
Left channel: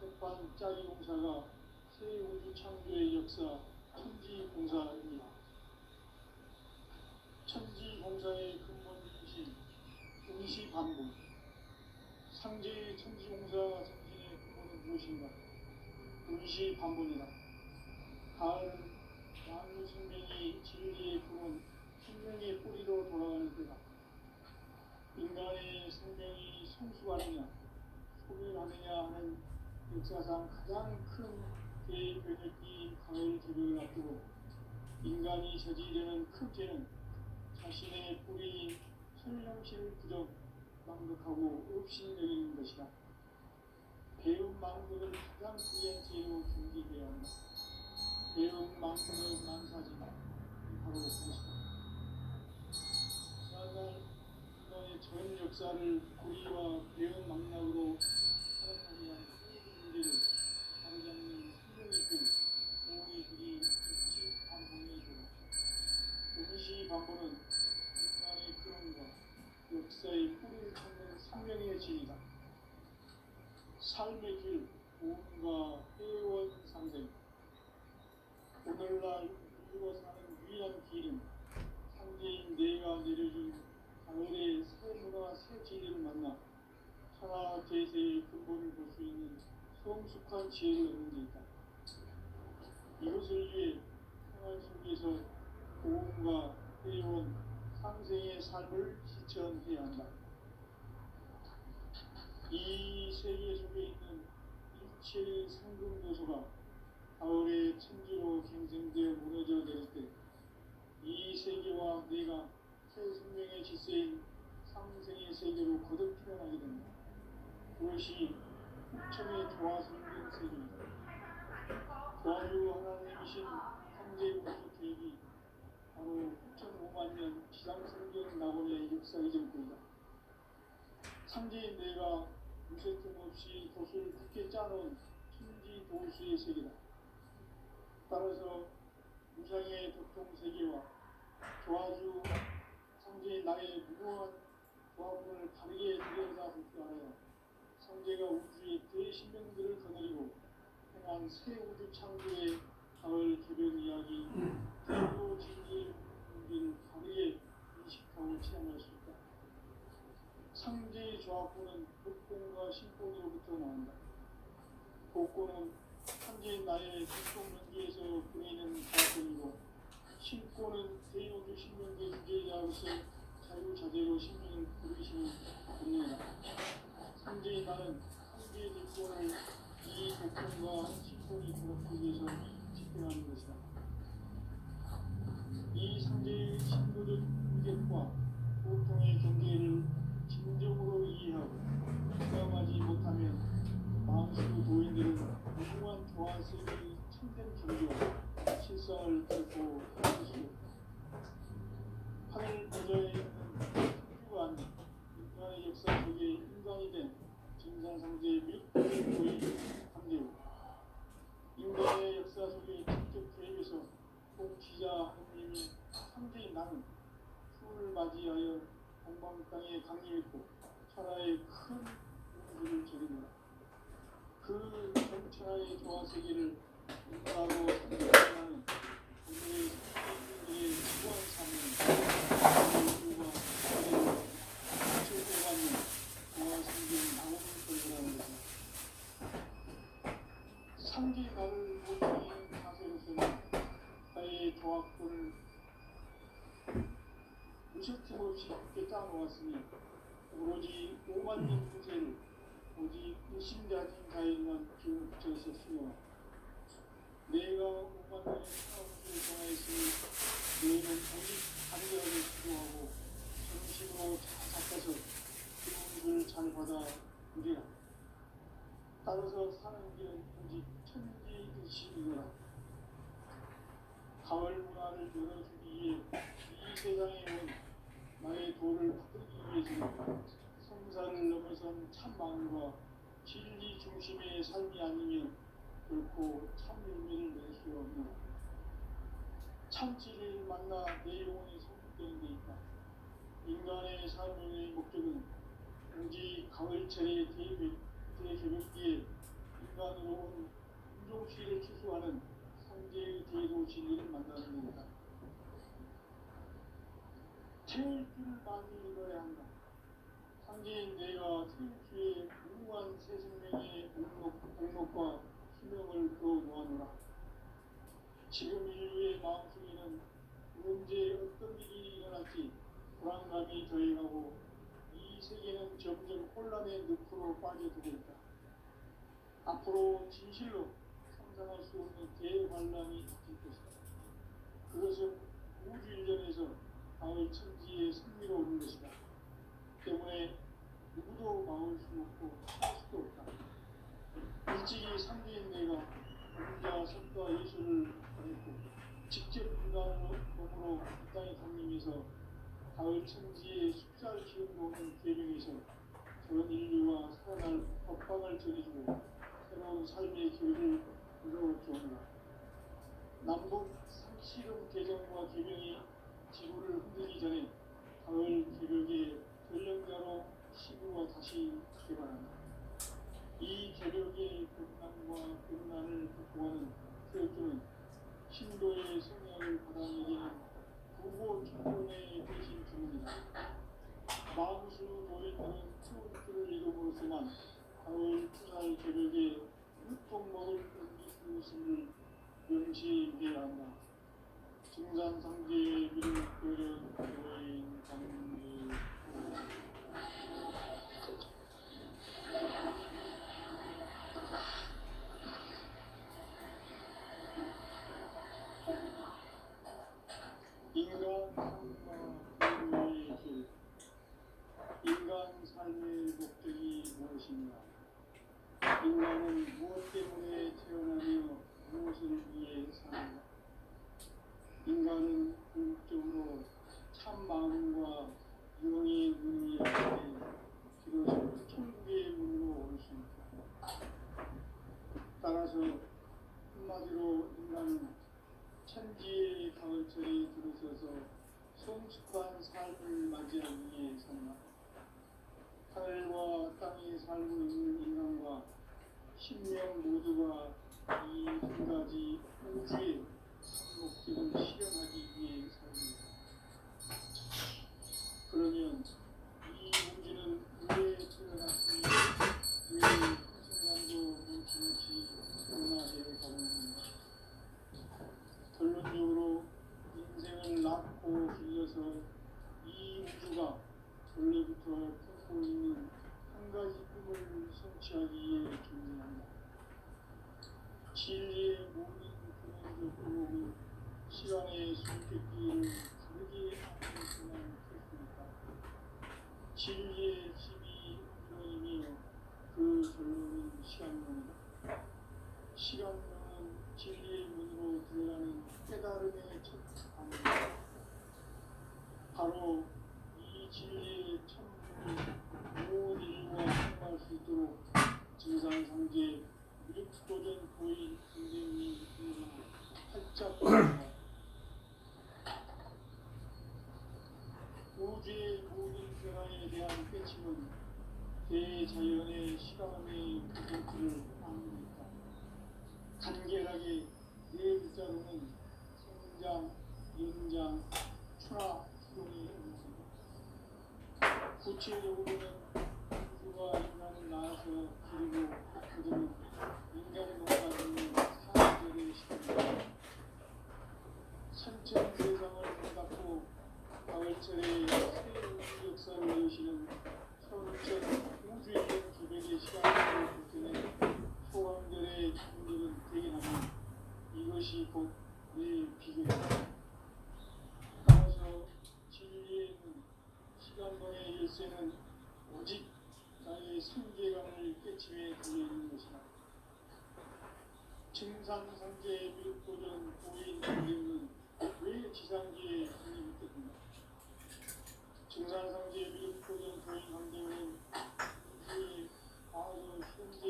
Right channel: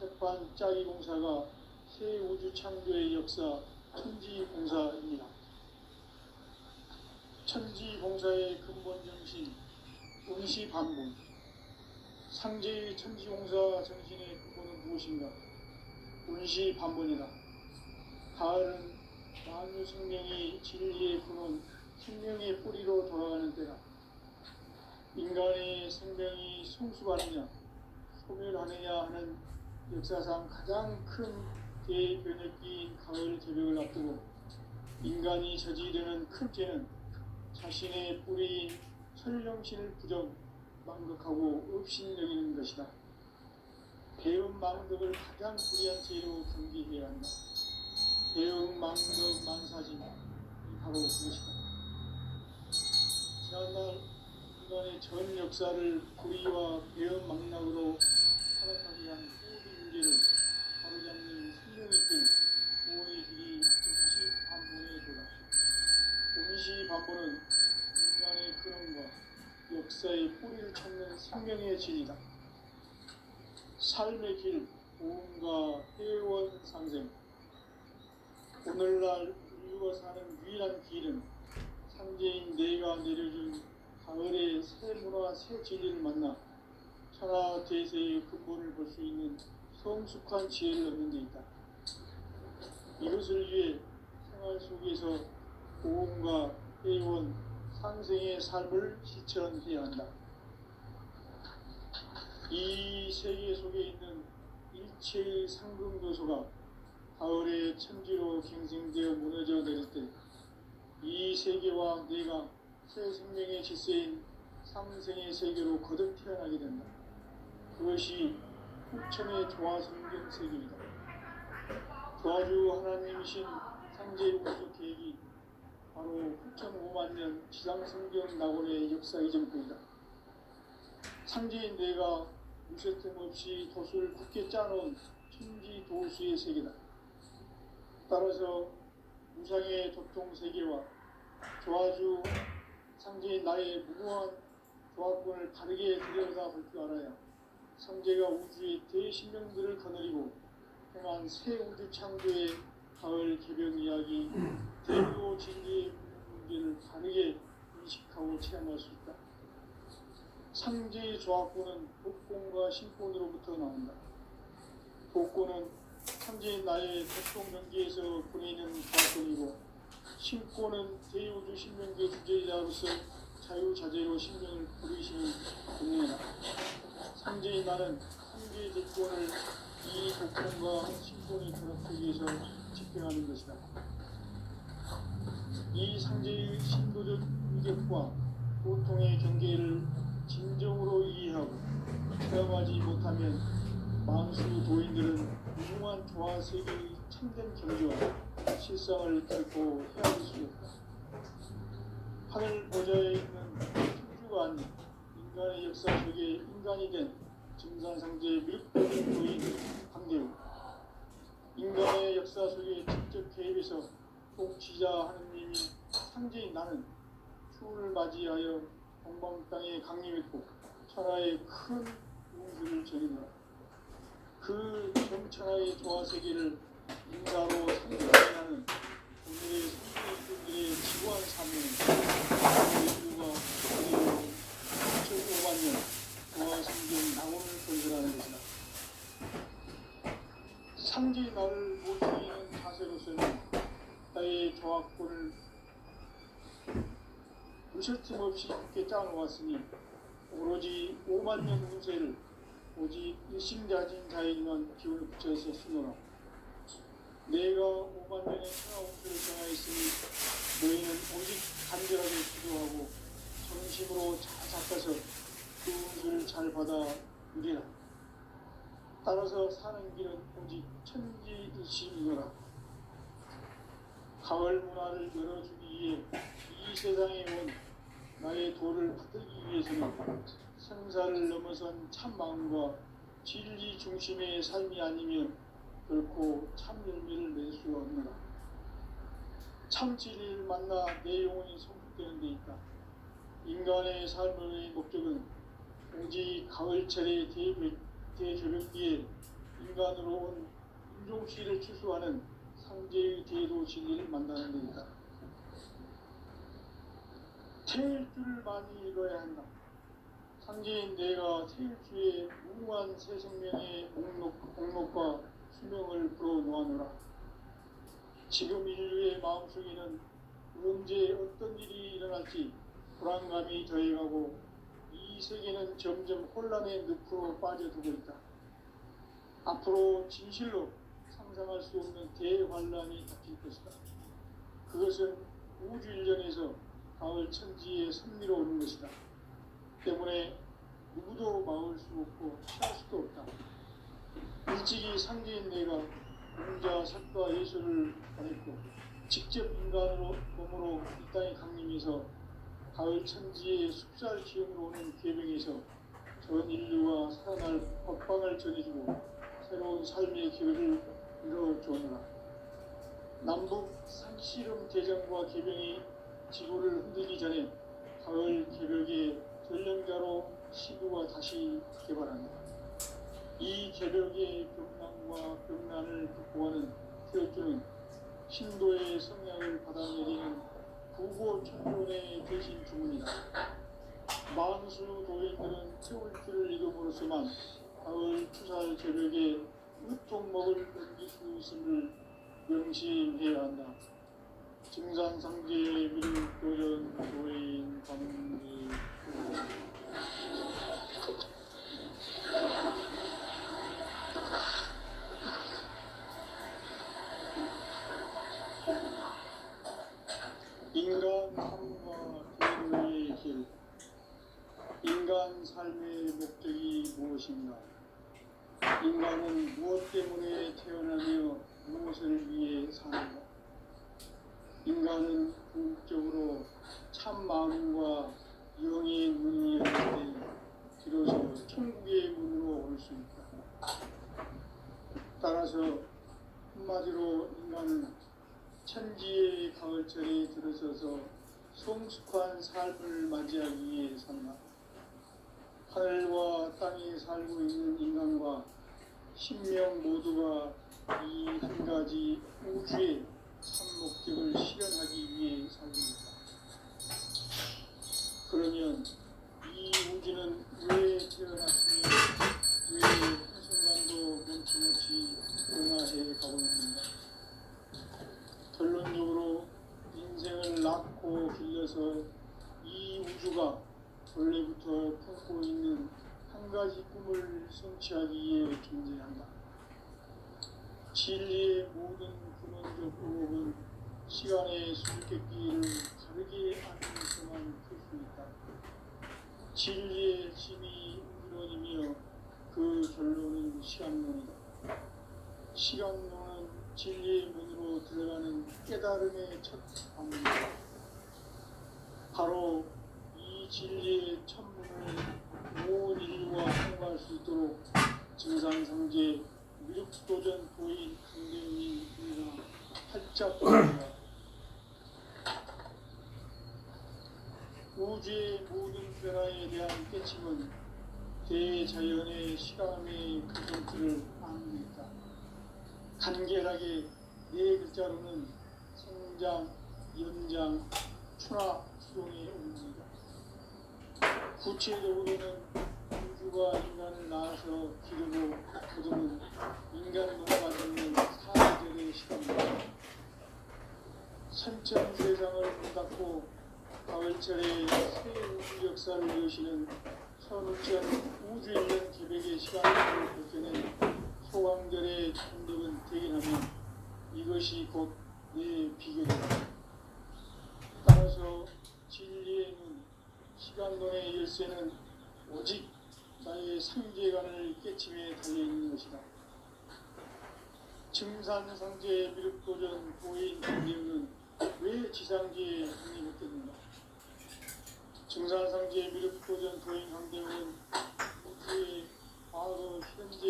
석반짜기 공사가 새 우주 창조의 역사 천지공사입니다. 천지공사의 근본 정신 운시반복. 상제의 천지공사 정신의 근본은 무엇인가? 운시반복이다. 가을은 만유 생명이 진리의 근원, 생명의 뿌리로 돌아가는 때다. 인간의 생명이 성숙하느냐, 소멸하느냐 하는 역사상 가장 큰 대변혁기인 가을 개벽을 앞두고 인간이 저지르는 큰 죄는 자신의 뿌리인 설령신을 부정, 망덕하고 업신여기는 것이다. 배움 망덕을 가장 불의한 죄로 경계해야 한다. 배움 망덕 만사지 바로 그것이다. 지난날 인간의 전 역사를 불의와 배움 망락으로 살아가게 한 모든 문제를 바로잡는 생명의 길, 보호의 길이 운시반복의 도다. 운시반복은 인간의 근원과 역사의 뿌리를 찾는 생명의 진이다. 삶의 길, 보험과 회원 상생. 오늘날 인류가 사는 유일한 길은 상제인 내가 내려준 가을의 새 문화, 새 진리를 만나 천하 대세의 근본을 볼 수 있는 성숙한 지혜를 얻는 데 있다. 이것을 위해 생활 속에서 보험과 회원, 상생의 삶을 실천해야 한다. 이 세계 속에 있는 일체의 상금도소가 가을의 천지로 갱생되어 무너져 내릴 때 이 세계와 내가 새 생명의 질서인 상생의 세계로 거듭 태어나게 된다. 그것이 후천의 조화성경 세계이다. 조화주 하나님이신 상제의 우주 계획이 바로 9,500년 지상성경 낙원의 역사 이전부이다. 상제인 내가 무쇠틈 없이 돛을 굳게 짜놓은 천지 도수의 세계다. 따라서 무상의 도통 세계와 조화주 상제인 나의 무궁한 조화권을 다르게 들여다볼 줄 알아야 상제가 우주의 대신명들을 거느리고 행한 새 우주 창조의 가을 개벽 이야기, 대교 진리의 문제를 다르게 인식하고 체험할 수 있다. 상제의 조합권은 복권과 신권으로부터 나온다. 복권은 상제의 나의 대통 명기에서 보내는 조합권이고, 신권은 대우주 신명계 주제자로서 자유자재로 신명을 부르시는 분이다. 상제의 나는 상제의 대권을 이 복권과 신권이 결합하기 위해서 집행하는 것이다. 이 상제의 신도적 인격과 고통의 경계를 진정으로 이해하고 체험하지 못하면 만수 도인들은 무궁한 조화 세계의 참된 경주와 실상을 결코 헤아릴 수 없다. 하늘 보좌에 있는 천주가 아닌 인간의 역사 속에 인간이 된 증산상제의 및 도인 관계로 인간의 역사 속에 직접 개입해서 복지자 하느님이 상제인 나는 추운을 맞이하여 동방 땅에 강림했고 천하의 큰 우주를 전이노라. 그 전천하의 조화 세계를 인가로 상징하는 오늘의 성도들의 지구한 삶은 인류가 2,500년 조화 성경 낙원을 건설하는 것이다. 상제의 나를 모시는 자세로서는 나의 조합권을 무실팀 없이 굳게 짜놓았으니 오로지 5만 년 후세를 오직 일심자진 자에게만 기운을 붙여서 쓰노라. 내가 5만 년의 평화운수를 정하였으니 너희는 오직 간절하게 기도하고 전심으로 잘 닦아서 그 운수를 잘 받아 누리라. 따라서 사는 길은 오직 천지일심이노라. 가을 문화를 열어주기 위해 이 세상에 온 나의 도를 받들기 위해서는 생사를 넘어선 참 마음과 진리 중심의 삶이 아니면 결코 참 열매를 낼 수가 없느라. 참 진리를 만나 내 영혼이 성숙되는 데 있다. 인간의 삶의 목적은 오직 가을철의 대조변기에 인간으로 온 인종시를 추수하는 상제의 대도 진리를 만나는 데이다. 태일주를 많이 읽어야 한다. 상제인 내가 태일주의 무한 새 생명의 목록과 수명을 풀어놓아노라. 지금 인류의 마음속에는 언제 어떤 일이 일어날지 불안감이 더해가고 이 세계는 점점 혼란의 늪으로 빠져들고 있다. 앞으로 진실로 상상할 수 없는 대환란이 닥칠 것이다. 그것은 우주 일련에서 가을 천지의 섭리로 오는 것이다. 때문에 누구도 막을 수 없고 피할 수도 없다. 일찍이 상제인 내가 공자, 석과 예술을 보냈고 직접 인간으로 몸으로 이 땅에 강림해서 가을 천지의 숲살 기운으로 오는 계명에서 전 인류가 살아날 법방을 전해주고 새로운 삶의 길을 이뤄주었노라. 남북 산씨름 대전과 계명이 지구를 흔들기 전에 가을 개벽의 전령자로 시구가 다시 개발한다. 이 개벽의 벽난과 벽난을 극복하는 태일주는 신도의 성향을 받아내리는 구보 천존의 대신 주문이다. 만수 도인들은 태울주를 이름으로서만 가을 추살 개벽의 유통먹을 옮길 수 있음을 명심해야 한다. 증산상제의 미륵도전 도인 광리 인간 삶과 대우의 길. 인간 삶의 목적이 무엇인가? 인간은 무엇 때문에 태어나며 무엇을 위해 사는가? 인간은 궁극적으로 참 마음과 영의 문을 열 때 비로소 천국의 문으로 올 수 있다. 따라서 한마디로 인간은 천지의 가을철에 들어서서 성숙한 삶을 맞이하기 위해 산다. 하늘과 땅에 살고 있는 인간과 신명 모두가 이 한 가지 우주의 참 목적을 실현하기 위해 살고 있다. 그러면 이 우주는 왜 태어났으며 왜 한순간도 멈춤없이 변화해 가고 있는가? 결론적으로 인생을 낳고 길러서 이 우주가 원래부터 품고 있는 한 가지 꿈을 성취하기 위해 존재한다. 진리의 모든 근원적 방법은 시간의 수수께끼를 다르게 하면서만 풀 수 있다. 진리의 힘이 우주론이며 그 결론은 시간론이다. 시간론은 진리의 문으로 들어가는 깨달음의 첫 방문이다. 바로 이 진리의 천문을 온 인류가 통과할 수 있도록 증산상제 미륵도전 도인 강대웅이 활짝 열린다. 우주의 모든 변화에 대한 깨침은 대자연의 실험의 근본틀을 아닙니다. 간결하게 네 글자로는 성장, 연장, 추락, 추동의 의미입니다. 구체적으로는 우주가 인간을 낳아서 기르고 거두는 인간으로가 되는 사계절의 시간입니다. 선천세상을 닫고 가을철에 새 우주 역사를 여시는 선우천 우주일년 기백의 시간으로 버텨낸 소강절의 충격은 대견하면 이것이 곧 내 비결이다. 따라서 진리의 문, 시간론의 열쇠는 오직 나의 상제관을 깨침에 달려있는 것이다. 증산상제 미륵도전 고인 강대웅은 왜 지상계에 독립했겠는가? 증산상제 미륵도전 고인 강대웅은 우주의 과거, 현재,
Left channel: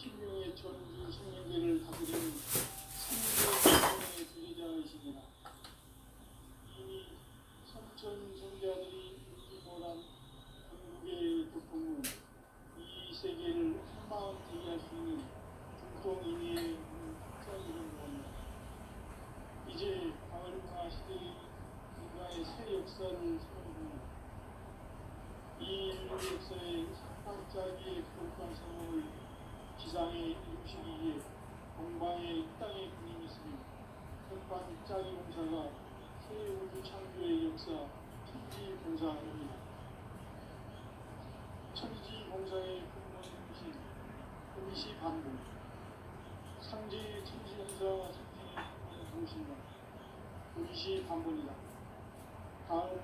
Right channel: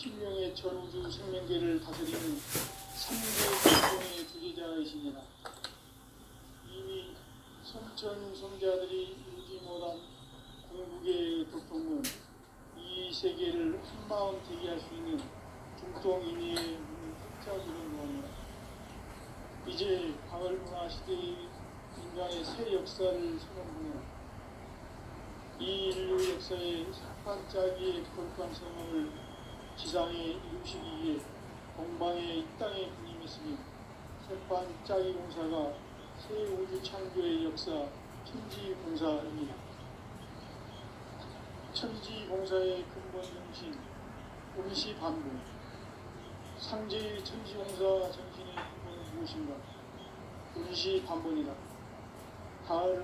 신명의 전우주 생명계를 다스리는 삼대공의 주제자이시니라. 이미 성천 성자들이 이루지 못한 궁극의 도통은 이 세계를 한마음 되게 할 수 있는 중통인의 확장이는 뭐냐. 이제 가을문화 시대의 인간의 새 역사를 선언하며 이 인류 역사의 반짝이의 거룩한 생명을 지상에 이루시기 위해 동방의 이 땅에 군림했으니 반짝이 공사가 새 우주 창조의 역사 천지공사입니다. 천지공사의 근본 정신 임시반복. 상제의 천지공사 정신의 근본은 무엇인가? 임시반복이다. 가을은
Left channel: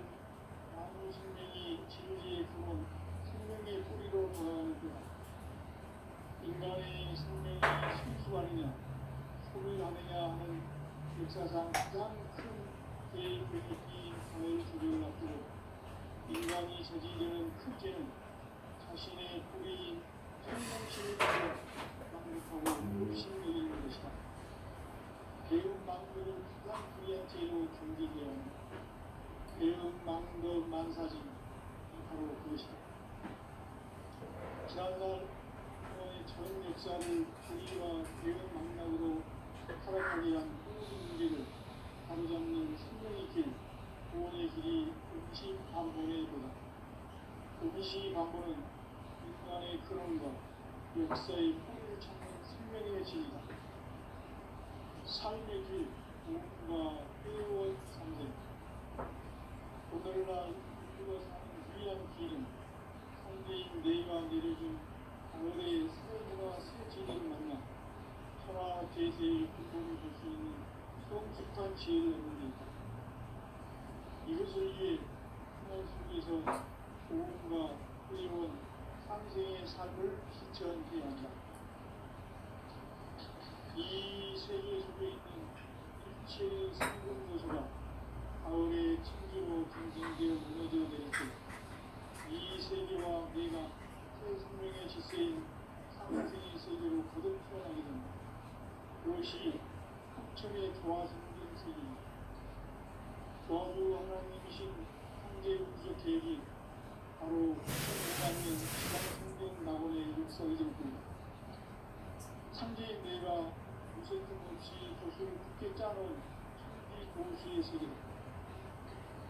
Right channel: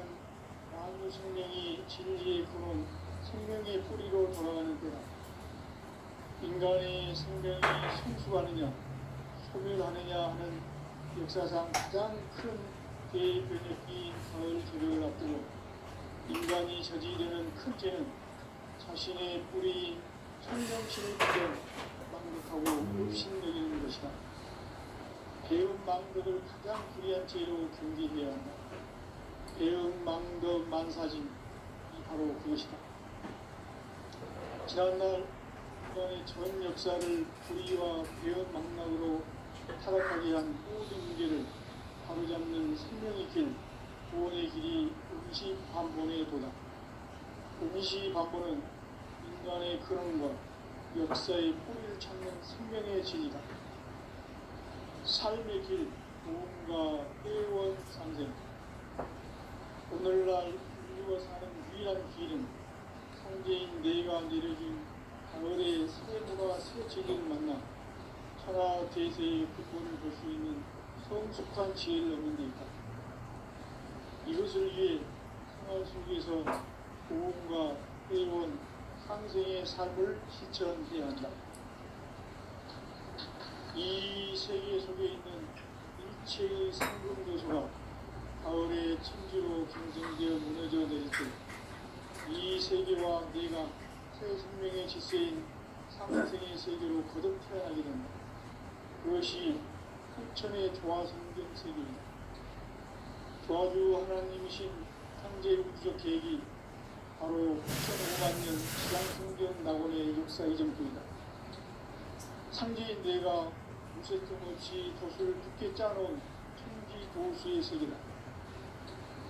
만유 생명이 진리의 근원 생명의 뿌리로 돌아가는 때다. 인간의 생명이 생수하느냐 소멸하느냐 하는 역사상 가장 큰 대변혁이 가을 조력을 앞두고 인간이 저지르는 큰 죄는 자신의 뿌리 생명신을 그려 낭독하고 욕심내리는 것이다. 배움 망덕을 가장 불의한 죄로 경계해야 한다. 배움 망덕 만사진이 바로 그것이다. 지난날 인간의 전 역사를 불의와 배움 망락으로 타락하게 한 모든 문제를 바로잡는 생명의 길, 구원의 길이 임시반본의 도다. 임시반본은 인간의 근원과 역사의 뿌리를 찾는 생명의 진이다. 삶의 길, 구원과 회원 상생. 오늘날 인류가 사는 유일한 길은 성제인 내가 내려준 가을의 새 문화와 새 진리를 만나 천하 대세의 근본을 볼 수 있는 성숙한 지혜를 얻는 데 있다. 이것을 위해 생활 속에서 고음과 회원, 상생의 삶을 실천해야 한다. 이 세계 속에 있는 일체의 상금교수가 가을의 천지로 경성되어 무너져 내릴 때 이 세계와 내가 새 생명의 질서인 상생의 세계로 거듭 태어나게 된다. 그것이 삼천의 조화성경 세계입니다. 조화주 하나님이신 창제 우주적 계획이 바로 2005만 년 지상성경 낙원의 역사 이전입니다. 창제인 내가 무쇠 틈없이 돛을 두께 짜놓은 천지 도수의 세계다.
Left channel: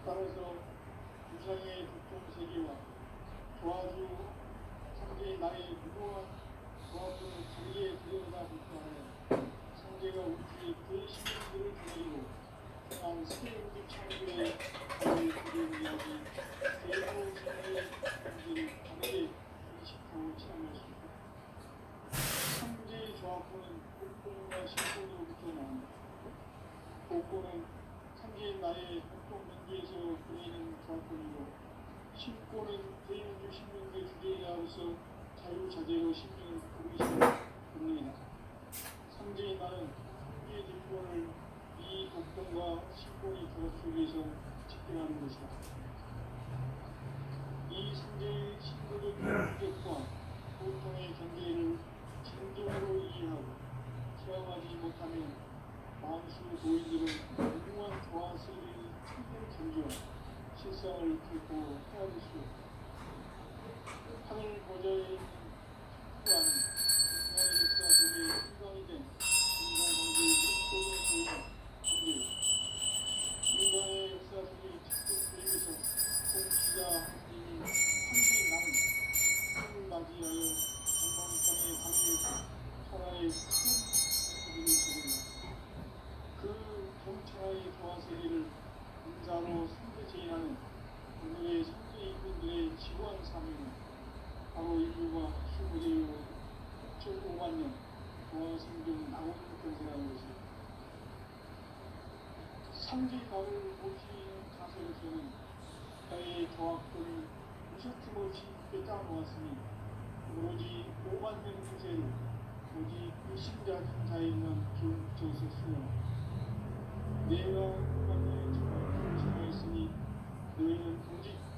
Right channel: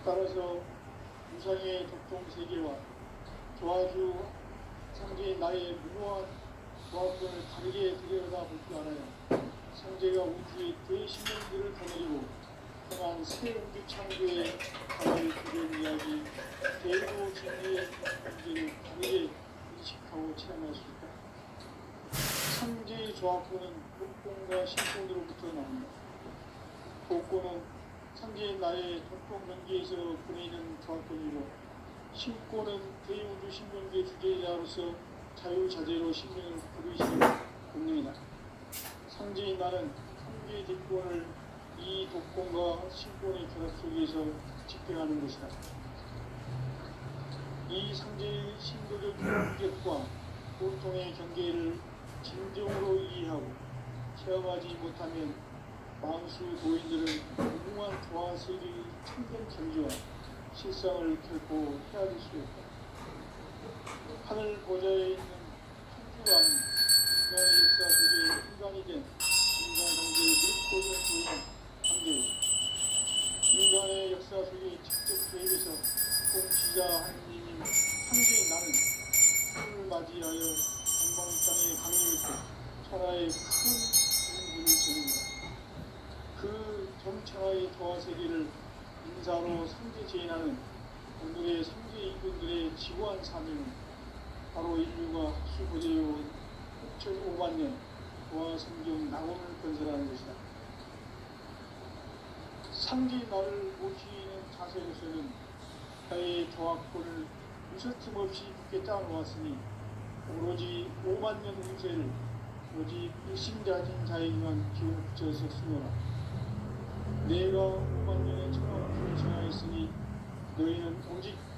따라서 우상의 독종 세계와 조화주 창제인 나의 무모한 조합을 다르게 들여다볼 줄 알아야 성제가 우주의 대신령들을 거느리고 떠난 새 우주 창조의 가을 그런 이야기 대부 진리의 문제를 다르게 인식하고 체험할 수 있다. 성제의 조합권은 복권과 신권으로부터 나온다. 복권은 성제의 나의 독종 명기에서 보이는 조합권이고 신권은 대우주 신명계 주제자로서 자유자재로 신명을 부르시는 본능이다. 성제인 나는 성제의 뒷권을 이 독권과 신권의 결합 속에서 집행하는 것이다. 이 성제의 신도적 경계과 고통의 경계를 진정으로 이해하고 체험하지 못하면 만수 도인들은 무궁한 조화 세계의 참된 경지와 실상을 결코 헤아릴 수 없다. 하늘 보좌에 있는 천주가 아닌 인간의 역사 속에 인간이 된 인간 관계를 믿고 보이는 관계, 인간의 역사 속에 직접 개입해서 공지자 하나님인 창조인 나는 생을 맞이하여 전방 땅에 강림했고 천하의 큰 공부를 전합니다. 그 정천하의 도화 세계를 인사로 성제 제인하는 오늘의 성제 인분들의 지고한 사명은 바로 인류가 수고되어 6,5만 년 도화 성경 낙원을 건설하는 것이다. 상제 나를 모시는 자세로서는 나의 조합권을 무서팀 없이 굳게 짜놓았으니 오로지 5만 년 운세를 오직 일심자진 자에게만 기울여서 쓰노라. 내가